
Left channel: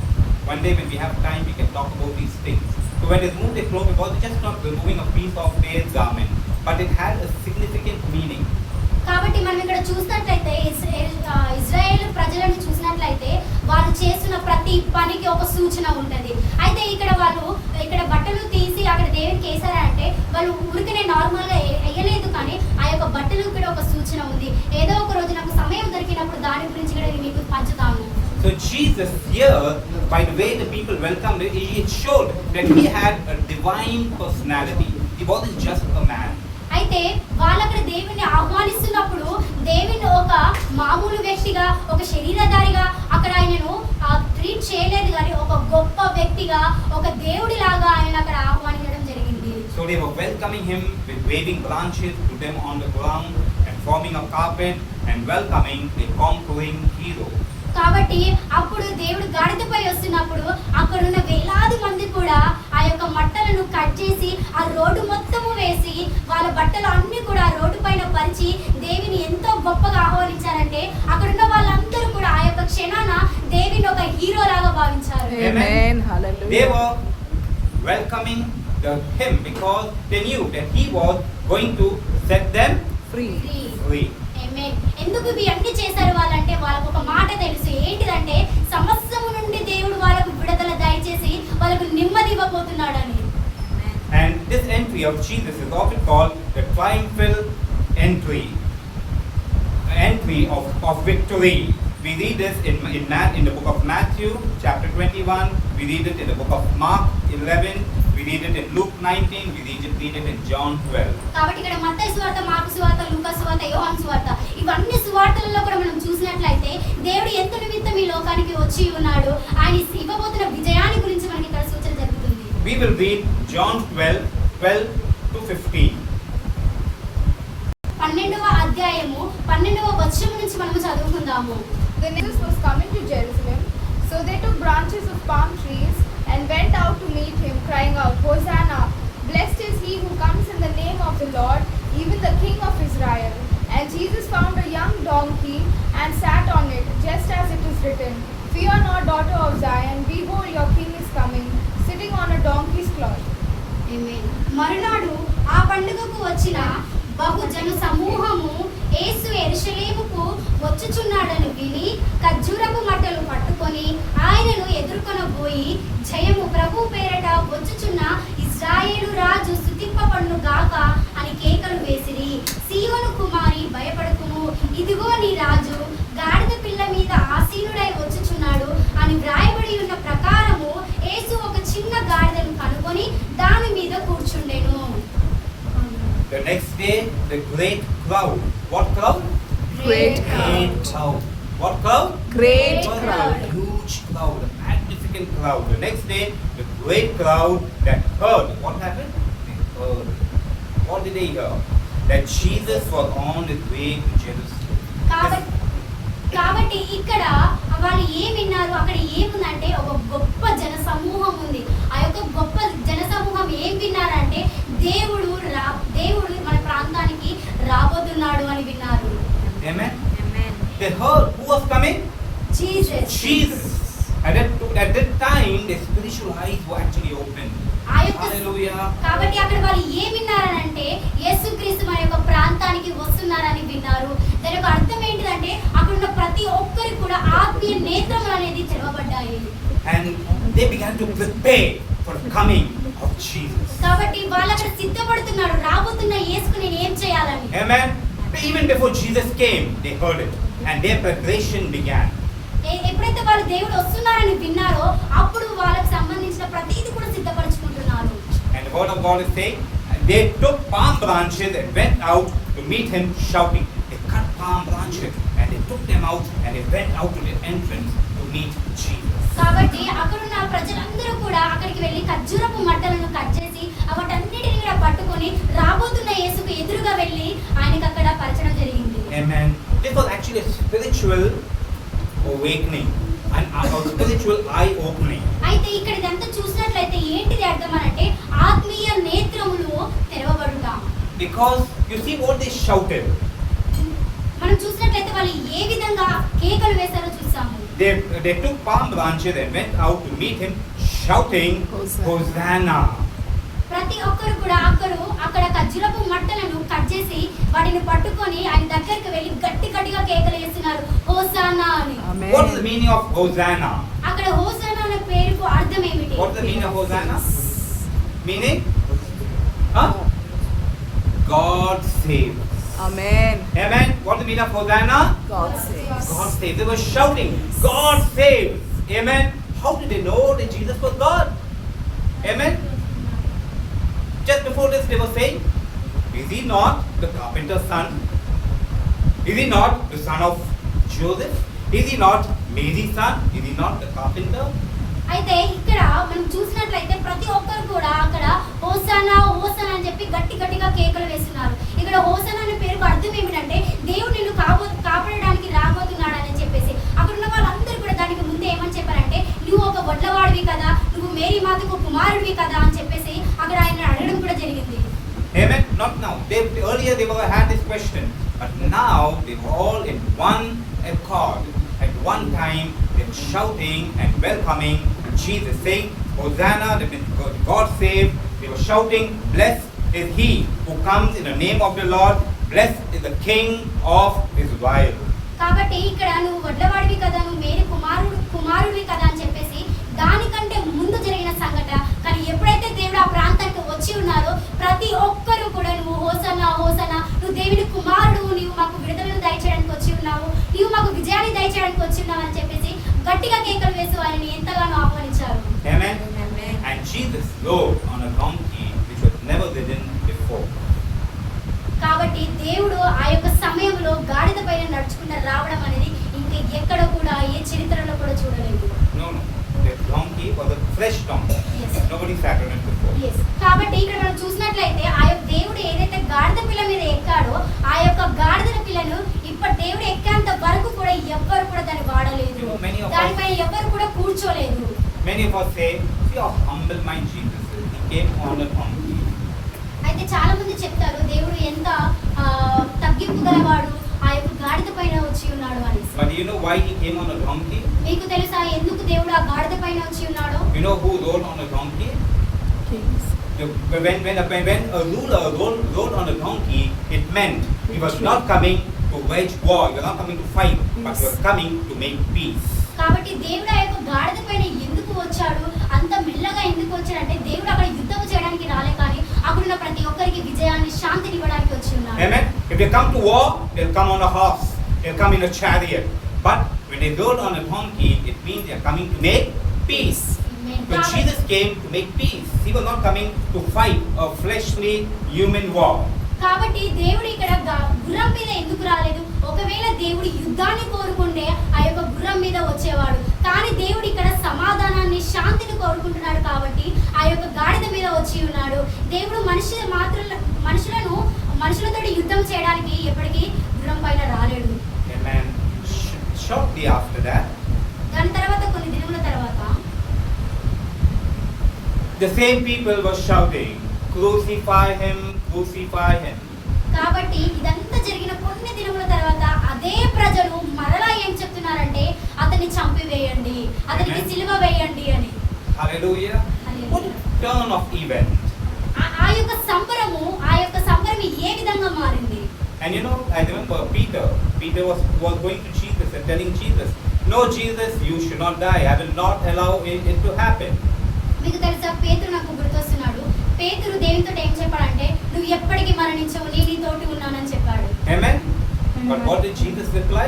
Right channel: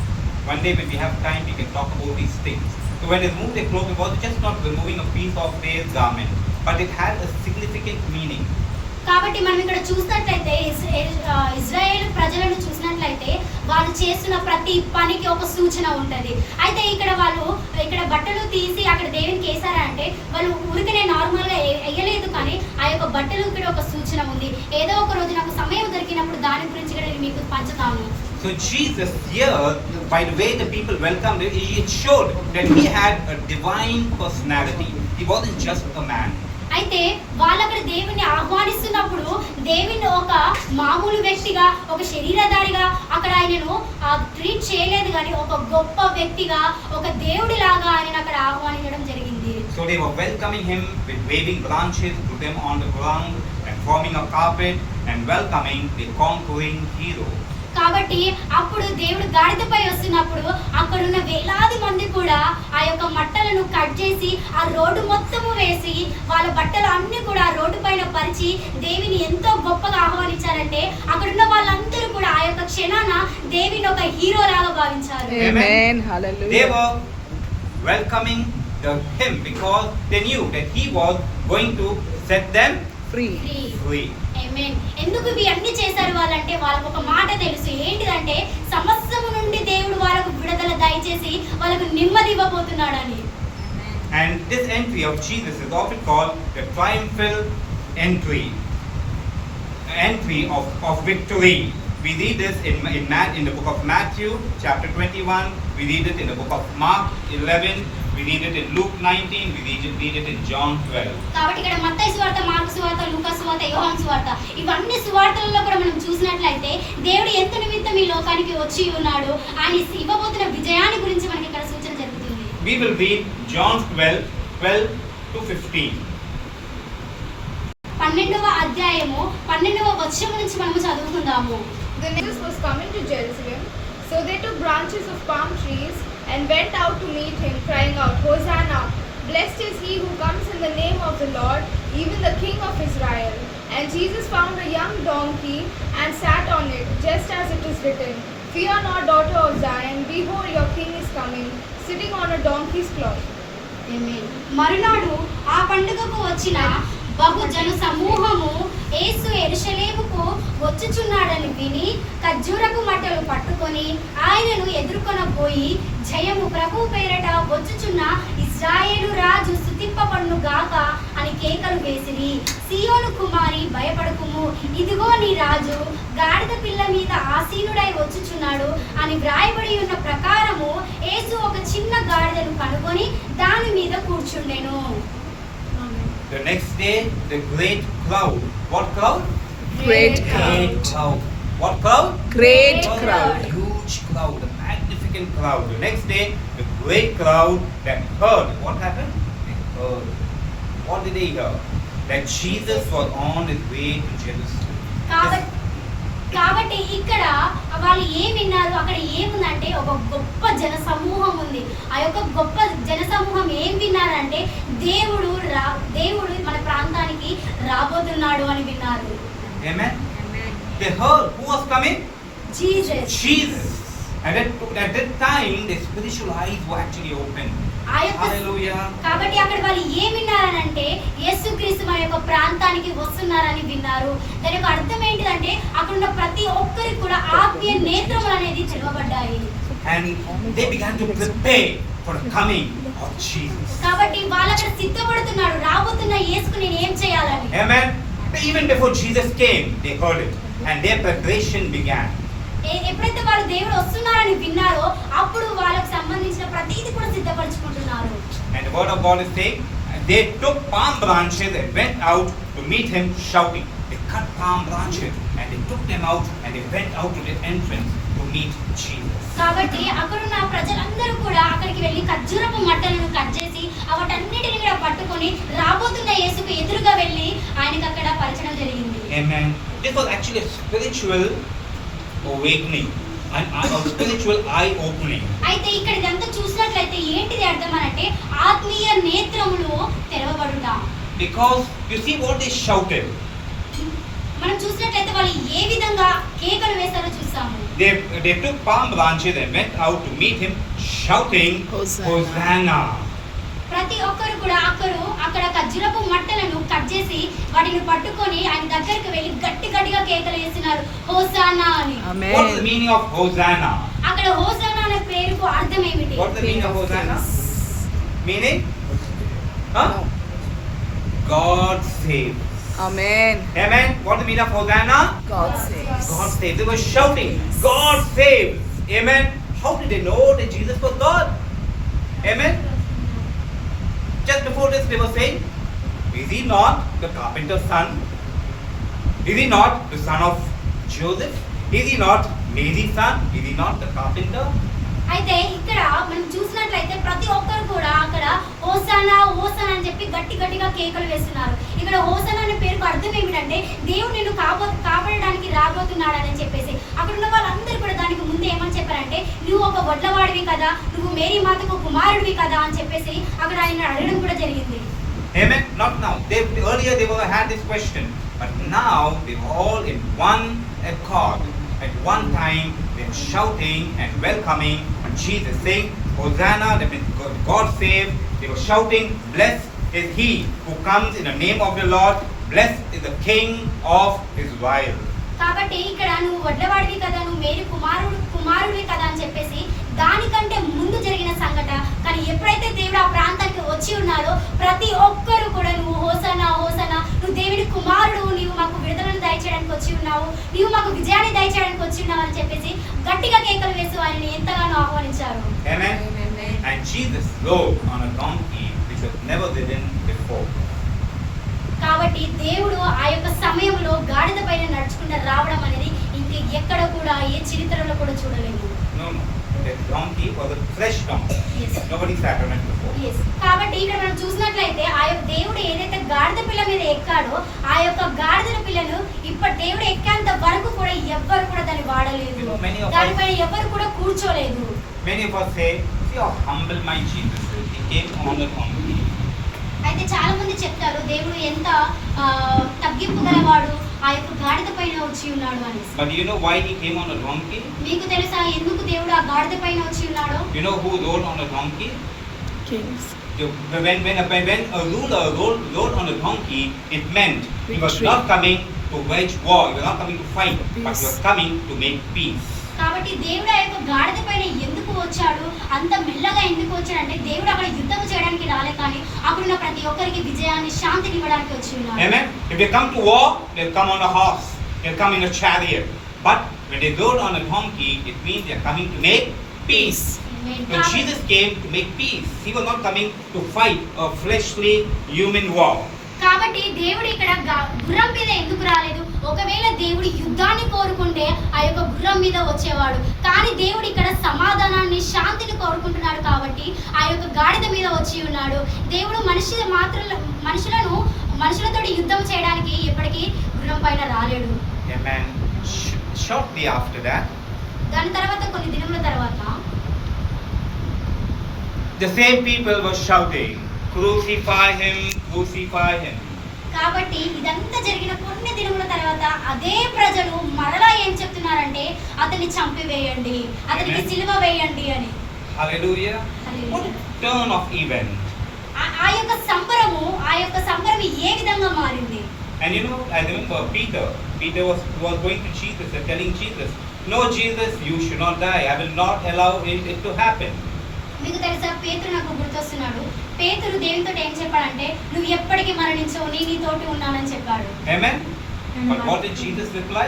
One day when we have time, we can talk about these things. So when they remove the cloak, it was just not removing a piece of their garment, but it had a significant meaning. కాబట్టి మనం ఇక్కడ చూసినట్లయితే Israel ప్రజలను చూసినట్లయితే వాళ్ళు చేస్తున్న ప్రతి పనికి ఒక సూచన ఉంటుంది. అయితే ఇక్కడ బట్టలు తీసి అక్కడ దేవునికి వేసారంటే వాళ్ళు ఊరికనే నార్మల్గా వేయలేదు, కానీ ఆ యొక్క బట్టలు ఇక్కడ ఒక సూచన ఉంది. ఏదో ఒక రోజు నాకు సమయం దొరికినప్పుడు దాని గురించి కూడా నేను మీకు పంచుతాను. So Jesus here, by the way the people welcomed him, it showed that he had a divine personality. He wasn't just a man. అయితే వాళ్ళక్కడ దేవుని ఆహ్వానిస్తున్నప్పుడు దేవుని ఒక మామూలు వ్యక్తిగా, ఒక శరీరధారిగా అక్కడ ఆయనను ట్రీట్ చేయలేదు, కానీ ఒక గొప్ప వ్యక్తిగా, ఒక దేవుడిలాగా ఆయన అక్కడ ఆహ్వానించడం జరిగింది. So they were welcoming him with waving branches, put them on the ground and forming a carpet and welcoming the conquering hero. కాబట్టి అప్పుడు దేవుడు గాడిదపై వస్తున్నప్పుడు అక్కడున్న వేలాది మంది కూడా ఆ యొక్క మట్టలను కట్ చేసి ఆ రోడ్డు మొత్తము వేసి వాళ్ళ బట్టలు అన్ని కూడా ఆ రోడ్డు పైన పరిచి దేవుని ఎంతో గొప్పగా ఆహ్వానించారంటే అక్కడున్న వాళ్ళందరూ కూడా ఆ యొక్క క్షణాన దేవుని ఒక హీరో లాగా భావించారు. Amen. Hallelujah. They were welcoming him because they knew that he was going to set them free. ఎందుకు ఇవి అన్ని చేశారు వాళ్ళంటే వాళ్ళకు ఒక మాట తెలుసు. ఏంటిదంటే సమస్యము నుండి దేవుడు వాళ్ళకు విడుదల దయచేసి వాళ్ళకు నెమ్మది ఇవ్వబోతున్నాడని. And this entry of Jesus is often called the triumphal entry of victory. We read this in the book of Matthew chapter 21, we read it in the book of Mark 11, we read it in Luke 19, we read it in John 12. కాబట్టి ఇక్కడ మత్తయి సువార్త, mark సువార్త, లూకా సువార్త, యోహాను సువార్త, ఇవన్నీ సువార్తలలో కూడా మనం చూసినట్లయితే దేవుడు ఎంత నిమిత్తం ఈ లోకానికి వచ్చి ఉన్నాడు, ఆయన ఇవ్వబోతున్న విజయాన్ని గురించి మనకి ఇక్కడ సూచన జరుగుతుంది. We will read John 12 to 15. 12వ అధ్యాయము 12వ వచనం నుంచి మనము చదువుకుందాము. The Jesus was coming to Jerusalem, so they took branches of palm trees and went out to meet him, crying out, Hosanna! Blessed is he who comes in the name of the Lord, even the King of Israel. And Jesus found a young donkey and sat on it, just as it is written, Fear not, daughter of Zion, behold, your king is coming, sitting on a donkey's cloud. ఆమేన్. మరునాడు ఆ పండుగకు వచ్చిన బహుజన సమూహము యేసు యెరూషలేముకు వచ్చుచున్నాడని విని ఖర్జూరపు మట్టలు పట్టుకొని ఆయనను ఎదుర్కొనబోయి జయము ప్రభు పేరట వచ్చుచున్న ఇశ్రాయేలు రాజు స్తుతింపబడును గాక అని కేకలు వేసిరి. సీయోను కుమారి భయపడకుము, ఇదిగో నీ రాజు గాడిద పిల్ల మీద ఆసీనుడై వచ్చుచున్నాడు అని వ్రాయబడి ఉన్న ప్రకారము యేసు ఒక చిన్న గాడిదను కనుగొని దాని మీద కూర్చుండెను. The next day, the great crowd. What crowd? Great Great crowd. What crowd? Great Oh, crowd. A huge crowd, a magnificent crowd. The next day, the great crowd that heard. What happened? They heard. What did they hear? That Jesus was on his way to Jerusalem. కాబట్టి ఇక్కడ వాళ్ళు ఏం విన్నారు, అక్కడ ఏముందంటే ఒక గొప్ప జన సమూహం ఉంది. ఆ యొక్క గొప్ప జన సమూహం ఏం విన్నారంటే దేవుడు మన ప్రాంతానికి రాబోతున్నాడు అని విన్నారు. Amen. They heard who was coming? Jesus. Jesus. At that time, the spiritual eyes were actually open. Hallelujah. కాబట్టి అక్కడ వాళ్ళు ఏం విన్నారనంటే యేసుక్రీస్తు మన యొక్క ప్రాంతానికి వస్తున్నారని విన్నారు. దాని యొక్క అర్థం ఏంటిదంటే అక్కడ ఉన్న ప్రతి ఒక్కరికి కూడా ఆత్మీయ నేత్రములు అనేది తెరవబడ్డాయి. And they began to prepare for the coming of Jesus. కాబట్టి వాళ్ళు అక్కడ సిద్ధపడుతున్నారు, రాబోతున్న యేసుకు నేను ఏం చేయాలని. Amen. Even before Jesus came, they heard it, and their preparation began. ఎప్పుడైతే వాళ్ళు దేవుడు వస్తున్నారని విన్నారో అప్పుడు వాళ్ళకి సంబంధించిన ప్రతిదీ కూడా సిద్ధపరచుకుంటున్నారు. And the word of God is saying, they took palm branches and went out to meet him shouting. They cut palm branches and they took them out and they went out to the entrance to meet Jesus. కాబట్టి అక్కడున్న ప్రజలందరూ కూడా అక్కడికి వెళ్ళి ఖర్జూరపు మట్టలను cut చేసి వాటన్నిటిని కూడా పట్టుకొని రాబోతున్న యేసుకు ఎదురుగా వెళ్ళి ఆయనకు అక్కడ పరచడం జరిగింది. Amen. This was actually a spiritual awakening and a spiritual eye opening. అయితే ఇక్కడ ఇదంతా చూసినట్లయితే ఏంటిది అర్థం అంటే ఆత్మీయ నేత్రములు తెరవబడుట. Because you see what they shouted. మనం చూసినట్లయితే వాళ్ళు ఏ విధంగా కేకలు వేశారో చూసాము. They took palm branches and went out to meet him shouting, Hosanna. ప్రతి ఒక్కరు కూడా అక్కడ ఖర్జూరపు మట్టలను కట్ చేసి వాటిని పట్టుకొని ఆయన దగ్గరికి వెళ్ళి గట్టిగా కేకలు వేస్తున్నారు, హోసానా అని. What is the meaning of Hosanna? అక్కడ హోసానా అనే పేరుకు అర్థం ఏమిటి? What is the meaning of Hosanna? Meaning? Huh? God save. Amen. Amen. What is the meaning of Hosanna? God saves. God save. They were shouting, God save. Amen. How did they know that Jesus was God? Amen. Just before this they were saying, is he not the carpenter's son? Is he not the son of Joseph? Is he not Mary's son? Is he not the carpenter? అయితే ఇక్కడ మనం చూసినట్లయితే ప్రతి ఒక్కరు కూడా అక్కడ hosanna hosanna అని చెప్పి గట్టిగా కేకలు వేస్తున్నారు. ఇక్కడ హోసానా అనే పేరుకు అర్థం ఏమిటంటే దేవుడు నిన్ను కాపాడడానికి రాబోతున్నాడని చెప్పేసి అక్కడ ఉన్న వాళ్ళందరూ కూడా దానికి ముందే ఏమని చెప్పారంటే నువ్వు ఒక వడ్లవాడివి కదా, నువ్వు మేరీ మాతకు కుమారుడివి కదా అని చెప్పేసి అక్కడ ఆయన అడగడం కూడా జరిగింది. Amen. Not now. Earlier they had this question, but now they all in one accord. At one time they were shouting and welcoming Jesus, saying, Hosanna, that means God save. They were shouting, blessed is he who comes in the name of the Lord. Blessed is the King of Israel. కాబట్టి ఇక్కడ నువ్వు వడ్లవాడివి కదా, నువ్వు Mary కుమారుడివి కదా అని చెప్పేసి దానికంటే ముందు జరిగిన సంఘటన. కానీ ఎప్పుడైతే దేవుడు ఆ ప్రాంతానికి వచ్చి ఉన్నారో ప్రతి ఒక్కరు కూడా నువ్వు హోసన్నా హోసన్నా, నువ్వు దేవుడి కుమారుడు, నీవు మాకు విడుదలను దయచేయడానికి వచ్చి ఉన్నావు, నీవు మాకు విజయాన్ని దయచేయడానికి వచ్చి ఉన్నావు అని చెప్పేసి గట్టిగా కేకలు వేసి ఆయన్ని ఎంతగానో ఆహ్వానించారు. Amen. And Jesus rode on a donkey which was never ridden before. కాబట్టి దేవుడు ఆ యొక్క సమయంలో గాడిద పైన నడుచుకుంటూ రావడం అనేది ఇంకా ఎక్కడ కూడా ఏ చరిత్రలో కూడా చూడలేదు. No. The donkey was a fresh donkey. Yes. Nobody sat on it before. Yes. కాబట్టి ఇక్కడ మనం చూసినట్లయితే ఆ యొక్క దేవుడు ఏదైతే గాడిద పిల్ల మీద ఎక్కాడో ఆ యొక్క గాడిద పిల్లను ఇప్పుడు దేవుడు ఎక్కేంత వరకు కూడా ఎవ్వరు కూడా దాన్ని వాడలేదు, దానిపైన ఎవ్వరు కూడా కూర్చోలేదు. Many of us say, see how humble my Jesus is. He came on the donkey. అయితే చాలా మంది చెప్తారు దేవుడు ఎంత తగ్గింపు గలవాడు, ఆ యొక్క గాడిద పైన వచ్చి ఉన్నాడు అని. But do you know why he came on a donkey? మీకు తెలుసా ఎందుకు దేవుడు ఆ గాడిద పైన వచ్చి ఉన్నాడో? You know who rode on a donkey? Kings. When a ruler rode on a donkey, it meant he was Victory. not coming to wage war, he was not coming to fight, but he was Peace. coming to make peace. కాబట్టి దేవుడు ఆ యొక్క గాడిద పైన ఎందుకు వచ్చాడు, అంత మెల్లగా ఎందుకు వచ్చాడంటే దేవుడు అక్కడ యుద్ధం చేయడానికి రాలే, కానీ అక్కడున్న ప్రతి ఒక్కరికి విజయాన్ని, శాంతిని ఇవ్వడానికి వచ్చి ఉన్నాడు. Amen. If they come to war, they'll come on a horse, they'll come in a chariot. But when they rode on a donkey, it means they're coming to make peace. Amen. When Jesus came to make peace, he was not coming to fight a fleshly human war. కాబట్టి దేవుడు ఇక్కడ గుర్రం మీద ఎందుకు రాలేదు? ఒకవేళ దేవుడు యుద్ధాన్ని కోరుకుంటే ఆ యొక్క గుర్రం మీద వచ్చేవాడు, కానీ దేవుడు ఇక్కడ సమాధానాన్ని, శాంతిని కోరుకుంటున్నాడు కాబట్టి ఆ యొక్క గాడిద మీద వచ్చి ఉన్నాడు. దేవుడు మనుషులతో యుద్ధం చేయడానికి ఎప్పటికీ గుర్రం పైన రాలేడు. Amen. Shortly after that, దాని తర్వాత కొన్ని దినముల తర్వాత the same people were shouting, "Crucify him, crucify him." కాబట్టి ఇదంతా జరిగిన కొన్ని దినముల తర్వాత అదే ప్రజలు మరలా ఏం చెప్తున్నారంటే అతన్ని చంపివేయండి, అతనికి Amen. సిలువ వేయండి అని. Hallelujah. Hallelujah. What a turn of event. ఆ యొక్క సంబరం ఏ విధంగా మారింది? And you know, I remember Peter was going to Jesus and telling Jesus, "No, Jesus, you should not die. I will not allow it to happen." మీకు తెలుసా, పేతురు నాకు గుర్తొస్తున్నాడు. పేతురు దేవునితో ఏం చెప్పాడంటే, నువ్వు ఎప్పటికీ మరణించవు, నేను నీతోటి ఉన్నానని చెప్పాడు. Amen. But what did Jesus reply?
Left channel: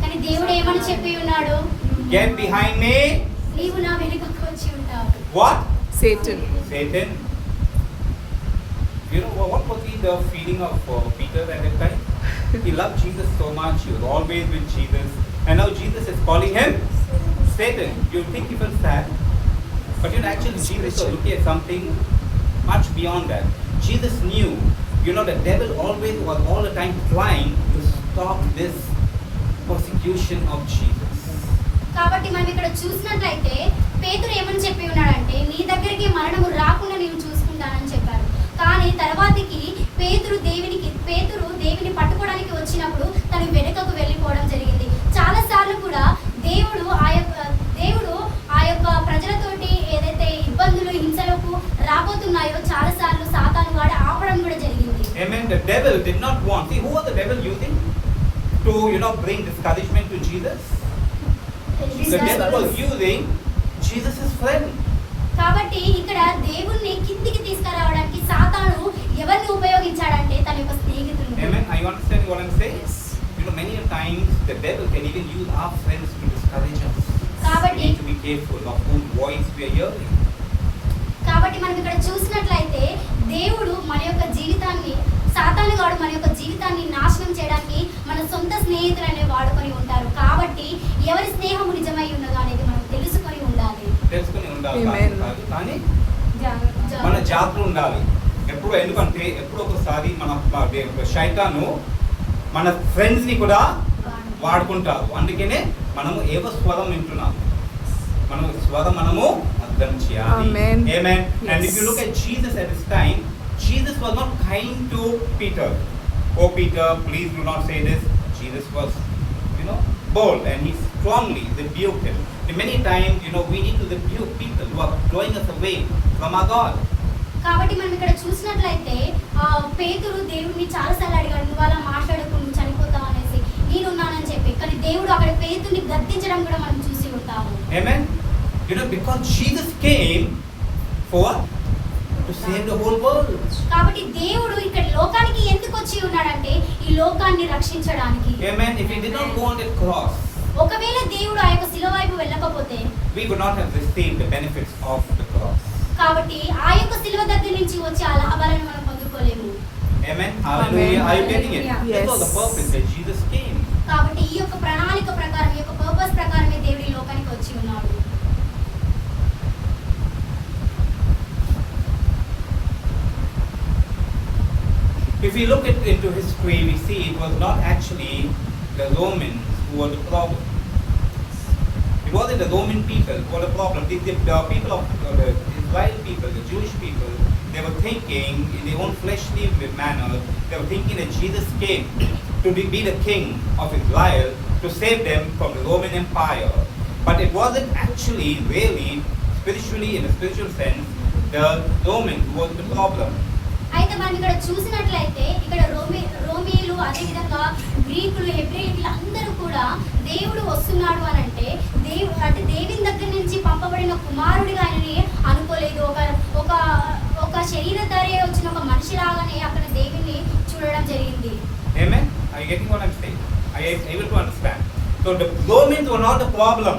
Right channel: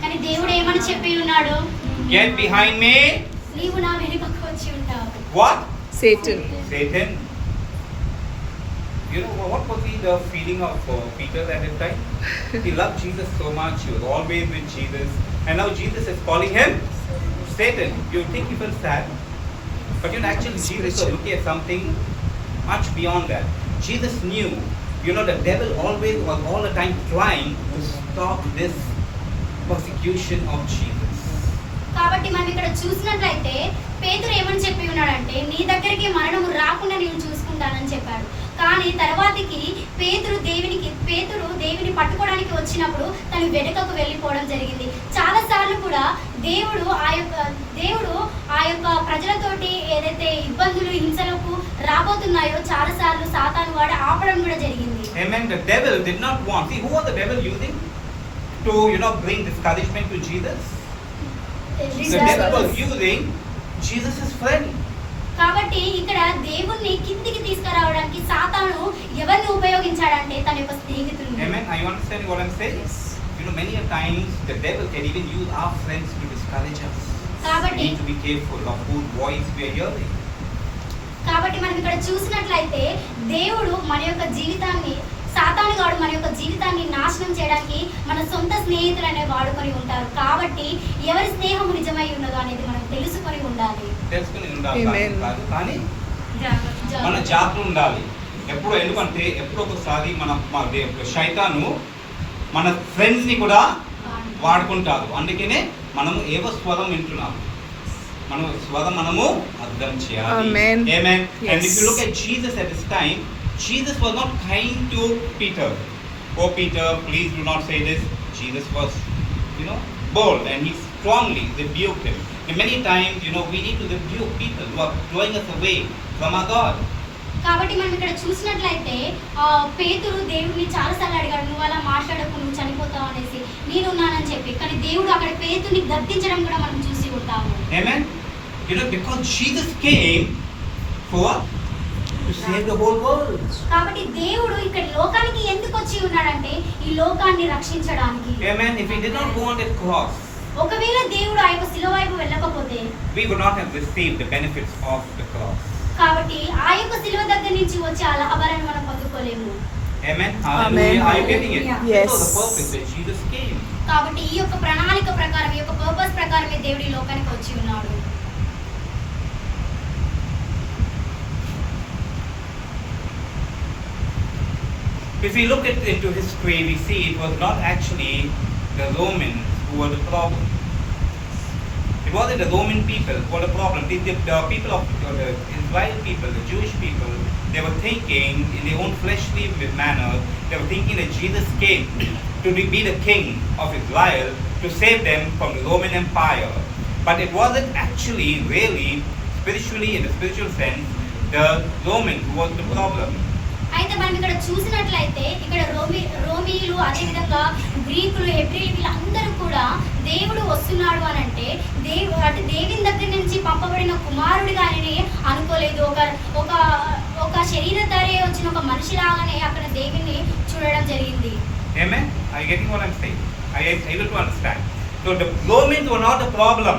కానీ దేవుడు ఏమని చెప్పి ఉన్నాడు? "Get behind me." నీవు నా వెనుకకు వచ్చి ఉంటావు. What? Satan. Satan. You know what was the feeling of Peter at that time? He loved Jesus so much. He was always with Jesus, and now Jesus is calling him Satan. You think he felt sad? But you know, actually, Jesus was looking at something much beyond that. Jesus knew, the devil always was all the time trying to stop this persecution of Jesus. కాబట్టి మనం ఇక్కడ చూసినట్లయితే పేతురు ఏమని చెప్పి ఉన్నాడంటే, నీ దగ్గరికి మరణము రాకుండా నేను చూసుకుంటానని చెప్పాడు. కానీ తర్వాతకి పేతురు దేవుని పట్టుకోవడానికి వచ్చినప్పుడు తను వెనుకకు వెళ్ళిపోవడం జరిగింది. చాలా సార్లు కూడా దేవుడు ఆ యొక్క ప్రజలతోటి ఏదైతే ఇబ్బందులు, హింసలకు రాబోతున్నాయో చాలా సార్లు సాతాను వాడు ఆపడం కూడా జరిగింది. Amen. The devil did not want. See, who was the devil using to bring discouragement to Jesus? The devil was using Jesus' friend. కాబట్టి ఇక్కడ దేవుణ్ణి కిందికి తీసుకురావడానికి సాతాను ఎవరిని ఉపయోగించాడంటే తన యొక్క స్నేహితుడిని. Amen. Are you understanding what I'm saying? Yes. Many a times the devil can even use our friends to discourage us. కాబట్టి We need to be careful of whose voice we are hearing. కాబట్టి మనం ఇక్కడ చూసినట్లయితే దేవుడు మన యొక్క జీవితాన్ని, సాతాను గాడు మన యొక్క జీవితాన్ని నాశనం చేయడానికి మన సొంత స్నేహితులు అనే వాడుకొని ఉంటారు. కాబట్టి ఎవరి స్నేహం నిజమై ఉన్నదో అనేది మనం తెలుసుకొని ఉండాలి. తెలుసుకుని ఉండాలి Amen. కానీ మన జాగ్రత్త ఉండాలి. ఎందుకంటే ఎప్పుడు ఒకసారి మన శైతాను మన ఫ్రెండ్స్ ని కూడా వాడుకుంటారు. అందుకనే మనము ఏవో స్వరం వింటున్నాము, మనము అర్థం చేయాలి. Amen. Amen. Yes. And if you look at Jesus at this time, Jesus was not kind to Peter. "Oh Peter, please do not say this." Jesus was, bold, and he strongly rebuked him. And many times, we need to rebuke people who are drawing us away from our God. కాబట్టి మనం ఇక్కడ చూసినట్లయితే పేతురు దేవుడిని చాలాసార్లు అడిగాడు, నువ్వు అలా మాట్లాడకు, నువ్వు చనిపోతావు అనేసి, నేనున్నానని చెప్పి. కానీ దేవుడు అక్కడ పేతుర్ని గద్దించడం కూడా మనం చూసి ఉంటాము. Amen. Because Jesus came for to save the whole world. కాబట్టి దేవుడు ఇక్కడ లోకానికి ఎందుకు వచ్చి ఉన్నాడంటే ఈ లోకాన్ని రక్షించడానికి. Amen. If he did not go on that cross, ఒకవేళ దేవుడు ఆ యొక్క శిలువ వైపు వెళ్ళకపోతే we would not have received the benefits of the cross. కాబట్టి ఆ యొక్క శిలువ దగ్గర నుంచి వచ్చే ఆ లాభాలను మనం పొందుకోలేము. Amen. Hallelujah. Are you getting it? Yeah. Yes. This was the purpose that Jesus came. కాబట్టి ఈ యొక్క ప్రణాళిక ప్రకారం, ఈ యొక్క పర్పస్ ప్రకారమే దేవుడి లోకానికి వచ్చి ఉన్నాడు. If we look into history, we see it was not actually the Romans who were the problem. wasn't the Roman people who were the problem. The people of the Israel people, the Jewish people, they were thinking in their own fleshly manner, they were thinking that Jesus came to be the king of Israel to save them from the Roman Empire. But it wasn't actually really spiritually, in a spiritual sense, the Romans who was the problem. అయితే మనం ఇక్కడ చూసినట్లయితే ఇక్కడ రోమీయులు అదేవిధంగా గ్రీకులు హెబ్రీలు వీళ్ళందరూ కూడా దేవుడు వస్తున్నాడు అని అంటే దేవుని దగ్గర నుంచి పంపబడిన కుమారుడిగా ఆయనని అనుకోలేదు. ఒక శరీరధారి వచ్చిన ఒక మనిషిలాగానే అక్కడ దేవుని చూడడం జరిగింది. Amen? Are you getting what I'm saying? Are you able to understand? So the Romans were not the problem.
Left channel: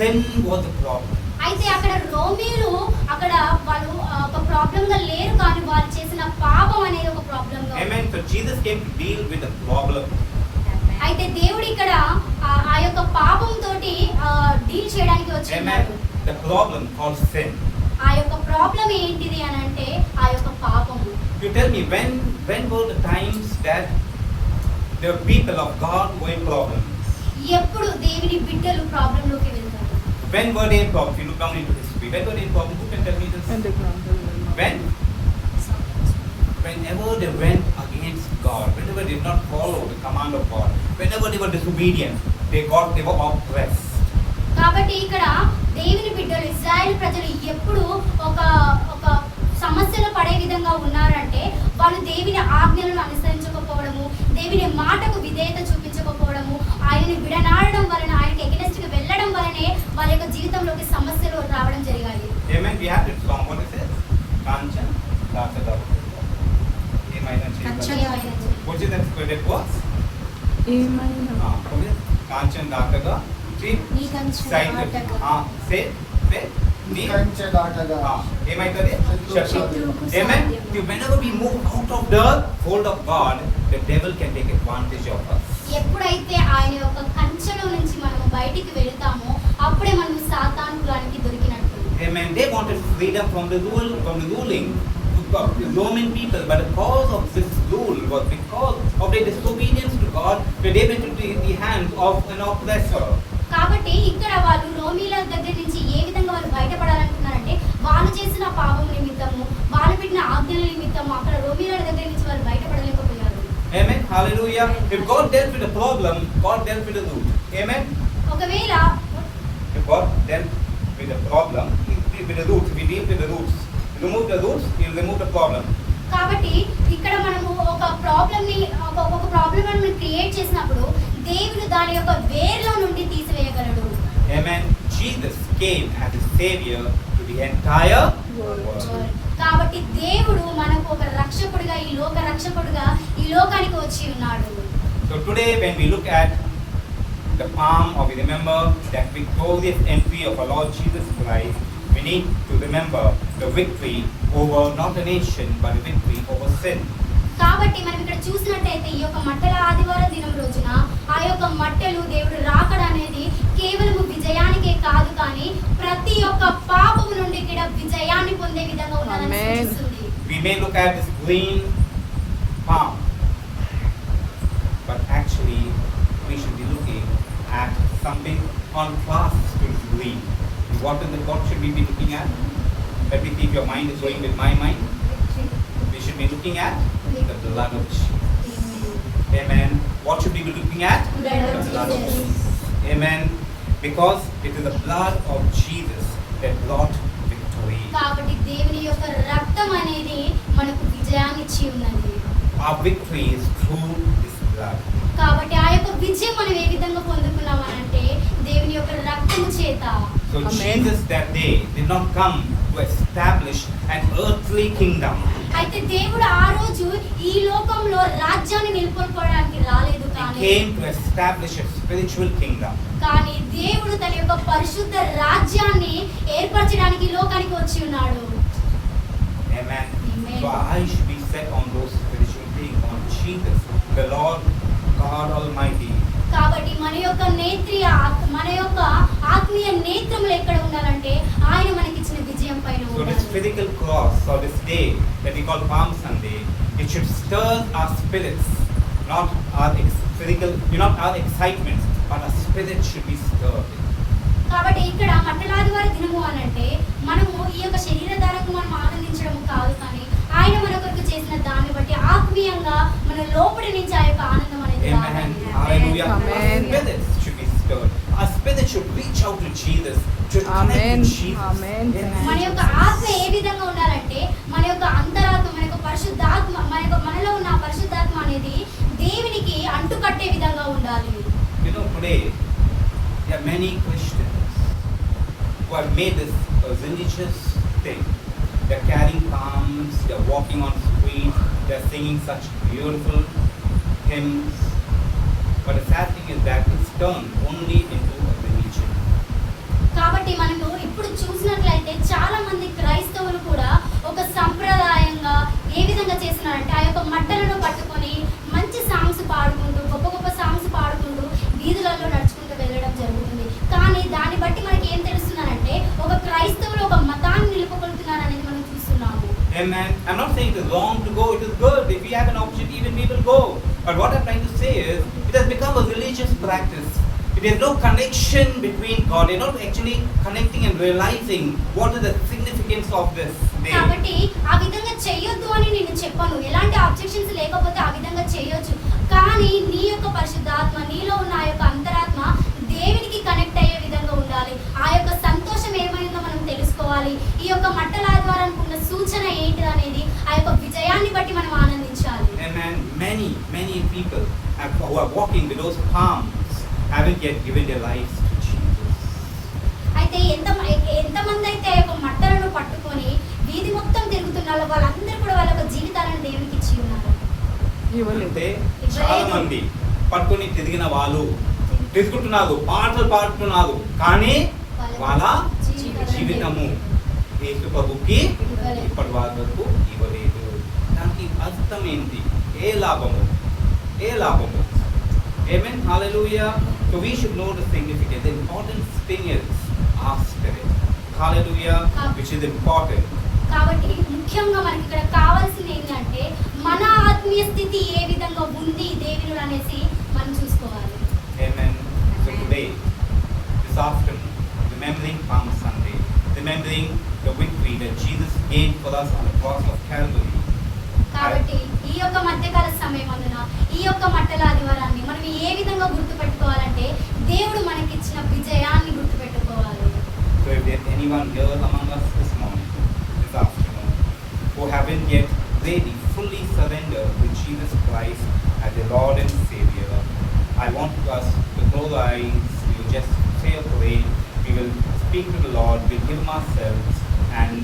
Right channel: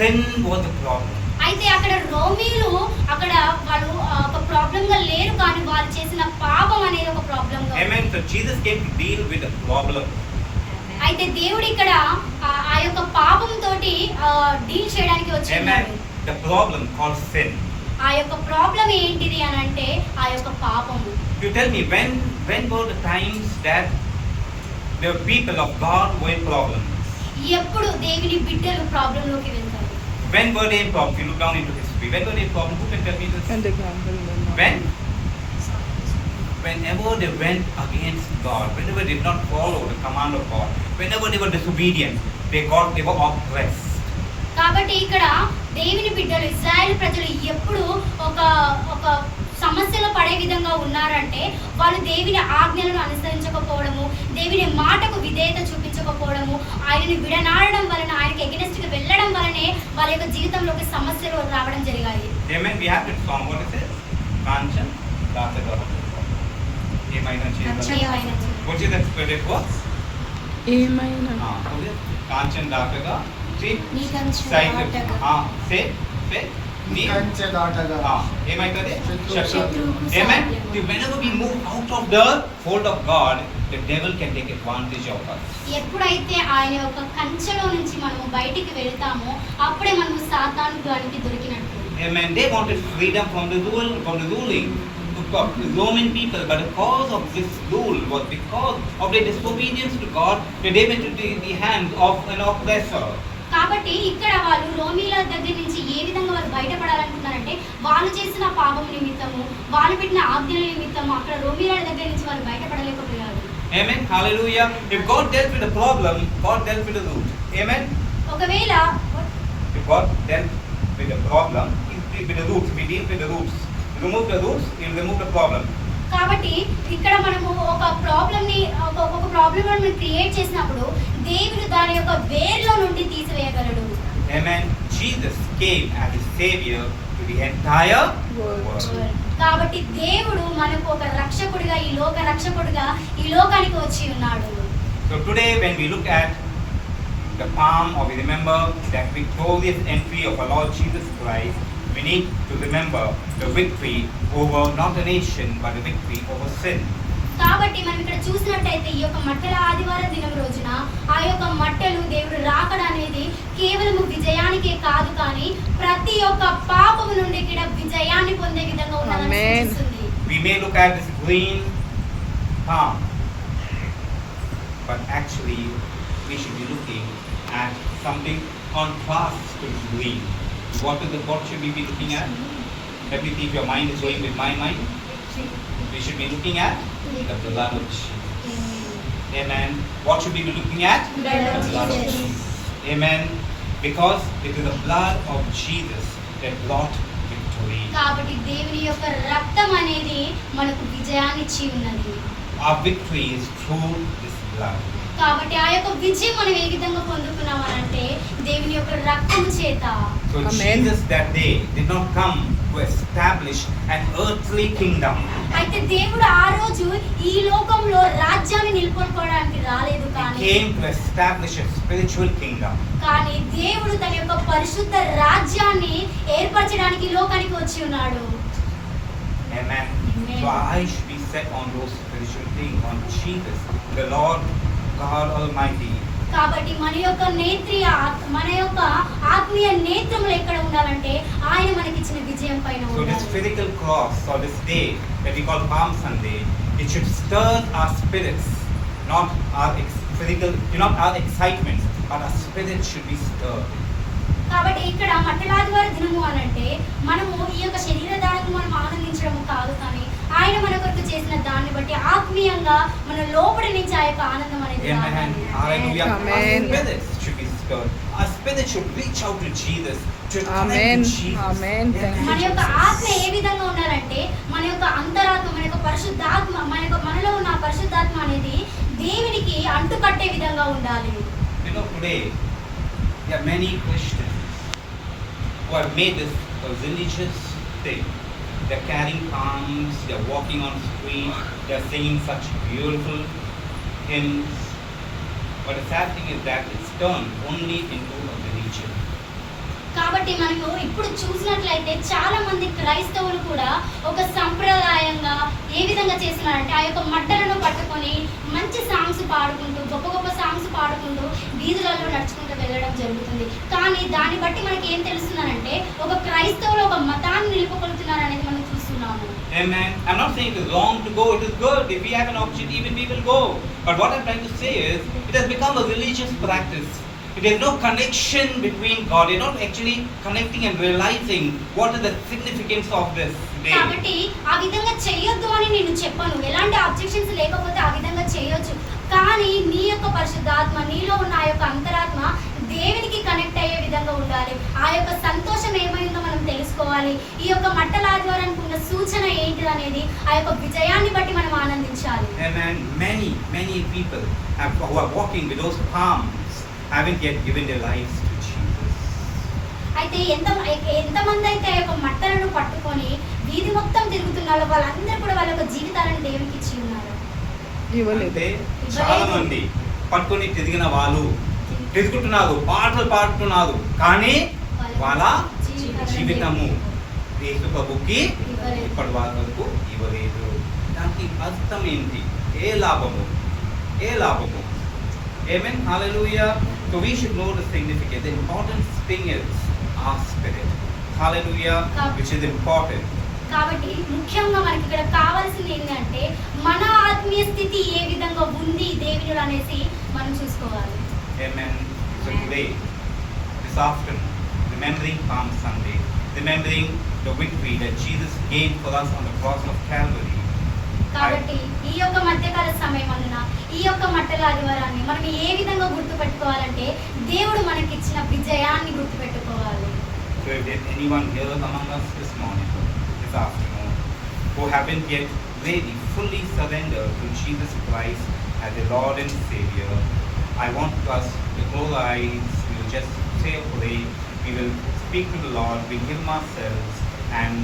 Sin was the problem. అయితే అక్కడ రోమీయులు అక్కడ వాళ్ళు ఒక ప్రాబ్లం గా లేరు, కానీ వాళ్ళు చేసిన పాపం అనేది ఒక ప్రాబ్లం గా. Amen. So Jesus came to deal with the problem. అయితే దేవుడు ఇక్కడ ఆ యొక్క పాపం తోటి డీల్ చేయడానికి వచ్చాడు. The problem called sin. ఆ యొక్క ప్రాబ్లం ఏంటిది అని అంటే ఆ యొక్క పాపము. You tell me, when were the times that the people of God were in problems? ఎప్పుడు దేవుని బిడ్డలు ప్రాబ్లం లోకి వెళ్తారు? When were they in problems? You look down into history. When were they in problems? Who can tell me this? When? Whenever they went against God, whenever they did not follow the command of God, whenever they were disobedient, they were oppressed. కాబట్టి ఇక్కడ దేవుని బిడ్డలు ఇశ్రాయేలు ప్రజలు ఎప్పుడు ఒక సమస్యలు పడే విధంగా ఉన్నారంటే వాళ్ళు దేవుని ఆజ్ఞలను అనుసరించకపోవడము, దేవుని మాటకు విధేయత చూపించకపోవడము, ఆయనను విడనాడడం వలన, ఆయనకి ఎగనెస్ట్ గా వెళ్ళడం వలనే వాళ్ళ యొక్క జీవితంలోకి సమస్యలు రావడం జరిగాయి. Amen. We have to song. What is it? Kanchan Dataga. Which is that spirit was? ఏమైనా Kanchan Dataga. See? నీ కంచె దాటగా. Say. నీ కంచె దాటగా. ఏమైతది? శత్రువుకు Amen. సాధ్యం. Whenever we move out of the fold of God, the devil can take advantage of us. ఎప్పుడైతే ఆయన యొక్క కంచెలో నుంచి మనము బయటికి వెళ్తామో అప్పుడే మనము సాతాను గానికి దొరికినట్టు. Amen. They wanted freedom from the ruling of the Roman people, but the cause of this rule was because of their disobedience to God. They went into the hands of an oppressor. కాబట్టి ఇక్కడ వాళ్ళు రోమీల దగ్గర నుంచి ఏ విధంగా వాళ్ళు బయటపడాలనుకున్నారంటే వాళ్ళు చేసిన పాపం నిమిత్తము, వాళ్ళు పెట్టిన ఆజ్ఞల నిమిత్తము అక్కడ రోమీల దగ్గర నుంచి వాళ్ళు బయటపడలేకపోయారు. Amen. Hallelujah. If God dealt with the problem, God dealt with the root. Amen. ఒకవేళ If God dealt with the problem, He dealt with the roots. We deal with the roots. Remove the roots, He will remove the problem. కాబట్టి ఇక్కడ మనము ఒక problem ని ఒక problem మనం create చేసినప్పుడు దేవుడు దాని యొక్క వేర్లో నుండి తీసివేయగలడు. Amen. Jesus came as a savior to the entire world. కాబట్టి దేవుడు మనకు ఒక రక్షకుడిగా ఈ లోకానికి వచ్చి ఉన్నాడు. So today when we look at the palm, or we remember that victorious entry of our Lord Jesus Christ, we need to remember the victory over not a nation but the victory over sin. కాబట్టి మనం ఇక్కడ చూసినట్టయితే ఈ యొక్క మట్టెల ఆదివారం దినం రోజున ఆ యొక్క మట్టెలు దేవుడు రాకడ అనేది కేవలం విజయానికే కాదు, కానీ ప్రతి ఒక్క పాపము నుండి కూడా విజయాన్ని పొందే విధంగా ఉండాలని సూచిస్తుంది. We may look at this green palm, but actually we should be looking at something contrast to this green. What should we be looking at? Let me see if your mind is going with my mind. We should be looking at the blood of Jesus. Amen. What should we be looking at? The blood of Jesus. Amen. Because it is the blood of Jesus that brought victory. కాబట్టి దేవుని యొక్క రక్తం అనేది మనకు విజయాన్ని ఇచ్చి ఉన్నది. Our victory is through this blood. కాబట్టి ఆ యొక్క విజయం మనం ఏ విధంగా పొందుకున్నామనంటే దేవుని యొక్క రక్తము చేత. So Amen. Jesus that day did not come to establish an earthly kingdom. అయితే దేవుడు ఆ రోజు ఈ లోకంలో రాజ్యాన్ని నిలుపుకోవడానికి రాలేదు, He కానీ came to establish a spiritual kingdom. కానీ దేవుడు తన యొక్క పరిశుద్ధ రాజ్యాన్ని ఏర్పరచడానికి ఈ లోకానికి వచ్చి ఉన్నాడు. Amen. Amen. So our eyes should be set on those spiritual things, on Jesus, the Lord God Almighty. కాబట్టి మన యొక్క ఆత్మీయ నేత్రములు ఎక్కడ ఉండాలంటే ఆయన మనకిచ్చిన విజయం పైన So this ఉండాలి. physical cross, or this day that we call Palm Sunday, it should stir our spirits, not our physical, not our excitements, but our spirits should be stirred. కాబట్టి ఇక్కడ మట్టలాదివారి దినము అని అంటే మనము ఈ యొక్క శరీరధారకు మనం ఆనందించడము కాదు, కానీ ఆయన మన కొరకు చేసిన దాన్ని బట్టి ఆత్మీయంగా మన లోపలి నుంచి ఆ యొక్క ఆనందం అనేది Amen. రావాలి. Hallelujah. Amen. Our spirit should be stirred. Our spirit should reach out to Jesus. To connect Amen. with Jesus. Amen. మన యొక్క ఆత్మ ఏ విధంగా ఉండాలంటే మన యొక్క అంతరాత్మ, మన యొక్క పరిశుద్ధాత్మ, మనలో ఉన్న ఆ పరిశుద్ధాత్మ అనేది దేవునికి అంటుకట్టే విధంగా ఉండాలి. You know, today there are many Christians who have made this a religious thing. They're carrying palms, they're walking on streets, they're singing such beautiful hymns. But the sad thing is that it's turned only into a religion. కాబట్టి మనము ఇప్పుడు చూసినట్లయితే చాలా మంది క్రైస్తవులు కూడా ఒక సంప్రదాయంగా ఏ విధంగా చేస్తున్నారంటే ఆ యొక్క మట్టలను పట్టుకొని మంచి సాంగ్స్ పాడుకుంటూ గొప్ప గొప్ప సాంగ్స్ పాడుకుంటూ వీధులలో నడుచుకుంటూ వెళ్ళడం జరుగుతుంది. కానీ దాన్ని బట్టి మనకి ఏం తెలుస్తుందంటే ఒక క్రైస్తవులు ఒక మతాన్ని నిలుపుకొలుతున్నారు అనేది మనం చూస్తున్నాము. Amen. I'm not saying it is wrong to go. It is good. If we have an opportunity, even we will go. But what I'm trying to say is, it has become a religious practice. It has no connection between God. You're not actually connecting and realizing what is the significance of this day. కాబట్టి ఆ విధంగా చేయొద్దు అని నేను చెప్పను, ఎలాంటి objections లేకపోతే ఆ విధంగా చేయొచ్చు. కానీ నీ యొక్క పరిశుద్ధాత్మ, నీలో ఉన్న ఆ యొక్క అంతరాత్మ దేవునికి కనెక్ట్ అయ్యే విధంగా ఉండాలి. ఆ యొక్క సంతోషం ఏమైందో మనం తెలుసుకోవాలి. ఈ యొక్క మట్టల ఆదివారానికి ఉన్న సూచన ఏంటి అనేది ఆ యొక్క విజయాన్ని బట్టి మనం ఆనందించాలి. Amen. Many people who are walking with those palms haven't yet given their lives to Jesus. అయితే ఎంతమంది అయితే ఆ యొక్క మట్టలను పట్టుకొని వీధి మొత్తం తిరుగుతున్నారో వాళ్ళందరూ కూడా వాళ్ళ యొక్క జీవితాలను దేవునికి ఇచ్చి ఉన్నారు. ఇవ్వలేదు. అంటే చాలా మంది పట్టుకొని తిరిగిన తిరుగుతున్నారు, పాటలు పాడుతున్నారు, కానీ వాళ్ళ జీవితము యేసు ప్రభుకి ఇప్పటి వరకు ఇవ్వలేదు. దానికి అర్థం ఏంటి? ఏ లాభము? Amen. Hallelujah. So we should know the significance. The important thing is our spirit. Hallelujah. Which is important. కాబట్టి ముఖ్యంగా మనకి ఇక్కడ కావాల్సింది ఏంటంటే మన ఆత్మీయ స్థితి ఏ విధంగా ఉంది దేవునిలో అనేసి మనం చూసుకోవాలి. Amen. So today, this afternoon, remembering Palm Sunday, remembering the victory that Jesus gained for us on the cross of Calvary. కాబట్టి ఈ యొక్క మధ్యకాల సమయమందున ఈ యొక్క మట్టల ఆదివారాన్ని మనం ఏ విధంగా గుర్తుపెట్టుకోవాలంటే దేవుడు మనకిచ్చిన విజయాన్ని గుర్తుపెట్టుకోవాలి. So if there's anyone here among us this morning, this afternoon, who haven't yet really fully surrendered to Jesus Christ as the Lord and Savior, I want us to close our eyes. We will just say a prayer. We will speak to the Lord. We give him ourselves, and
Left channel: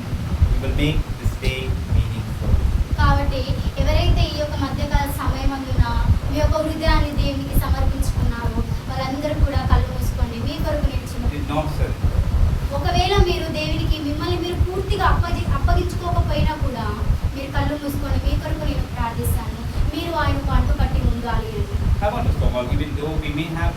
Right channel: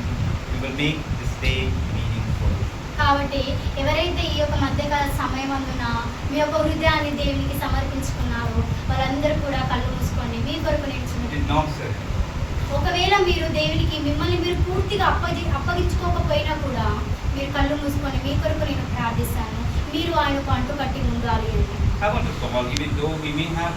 we will make this day meaningful. కాబట్టి ఎవరైతే ఈ యొక్క మధ్యకాల సమయమందున మీ యొక్క హృదయాన్ని దేవునికి సమర్పించుకున్నారో వాళ్ళందరూ కూడా కళ్ళు మూసుకోండి. మీ కొరకు నేను Did not surrender. ఒకవేళ మీరు దేవునికి మిమ్మల్ని మీరు పూర్తిగా అప్పగించుకోకపోయినా కూడా మీరు కళ్ళు మూసుకొని మీ కొరకు నేను ప్రార్థిస్తాను. మీరు ఆయనకు అంటుకట్టి ఉండాలి అని. I want to call, even though we may have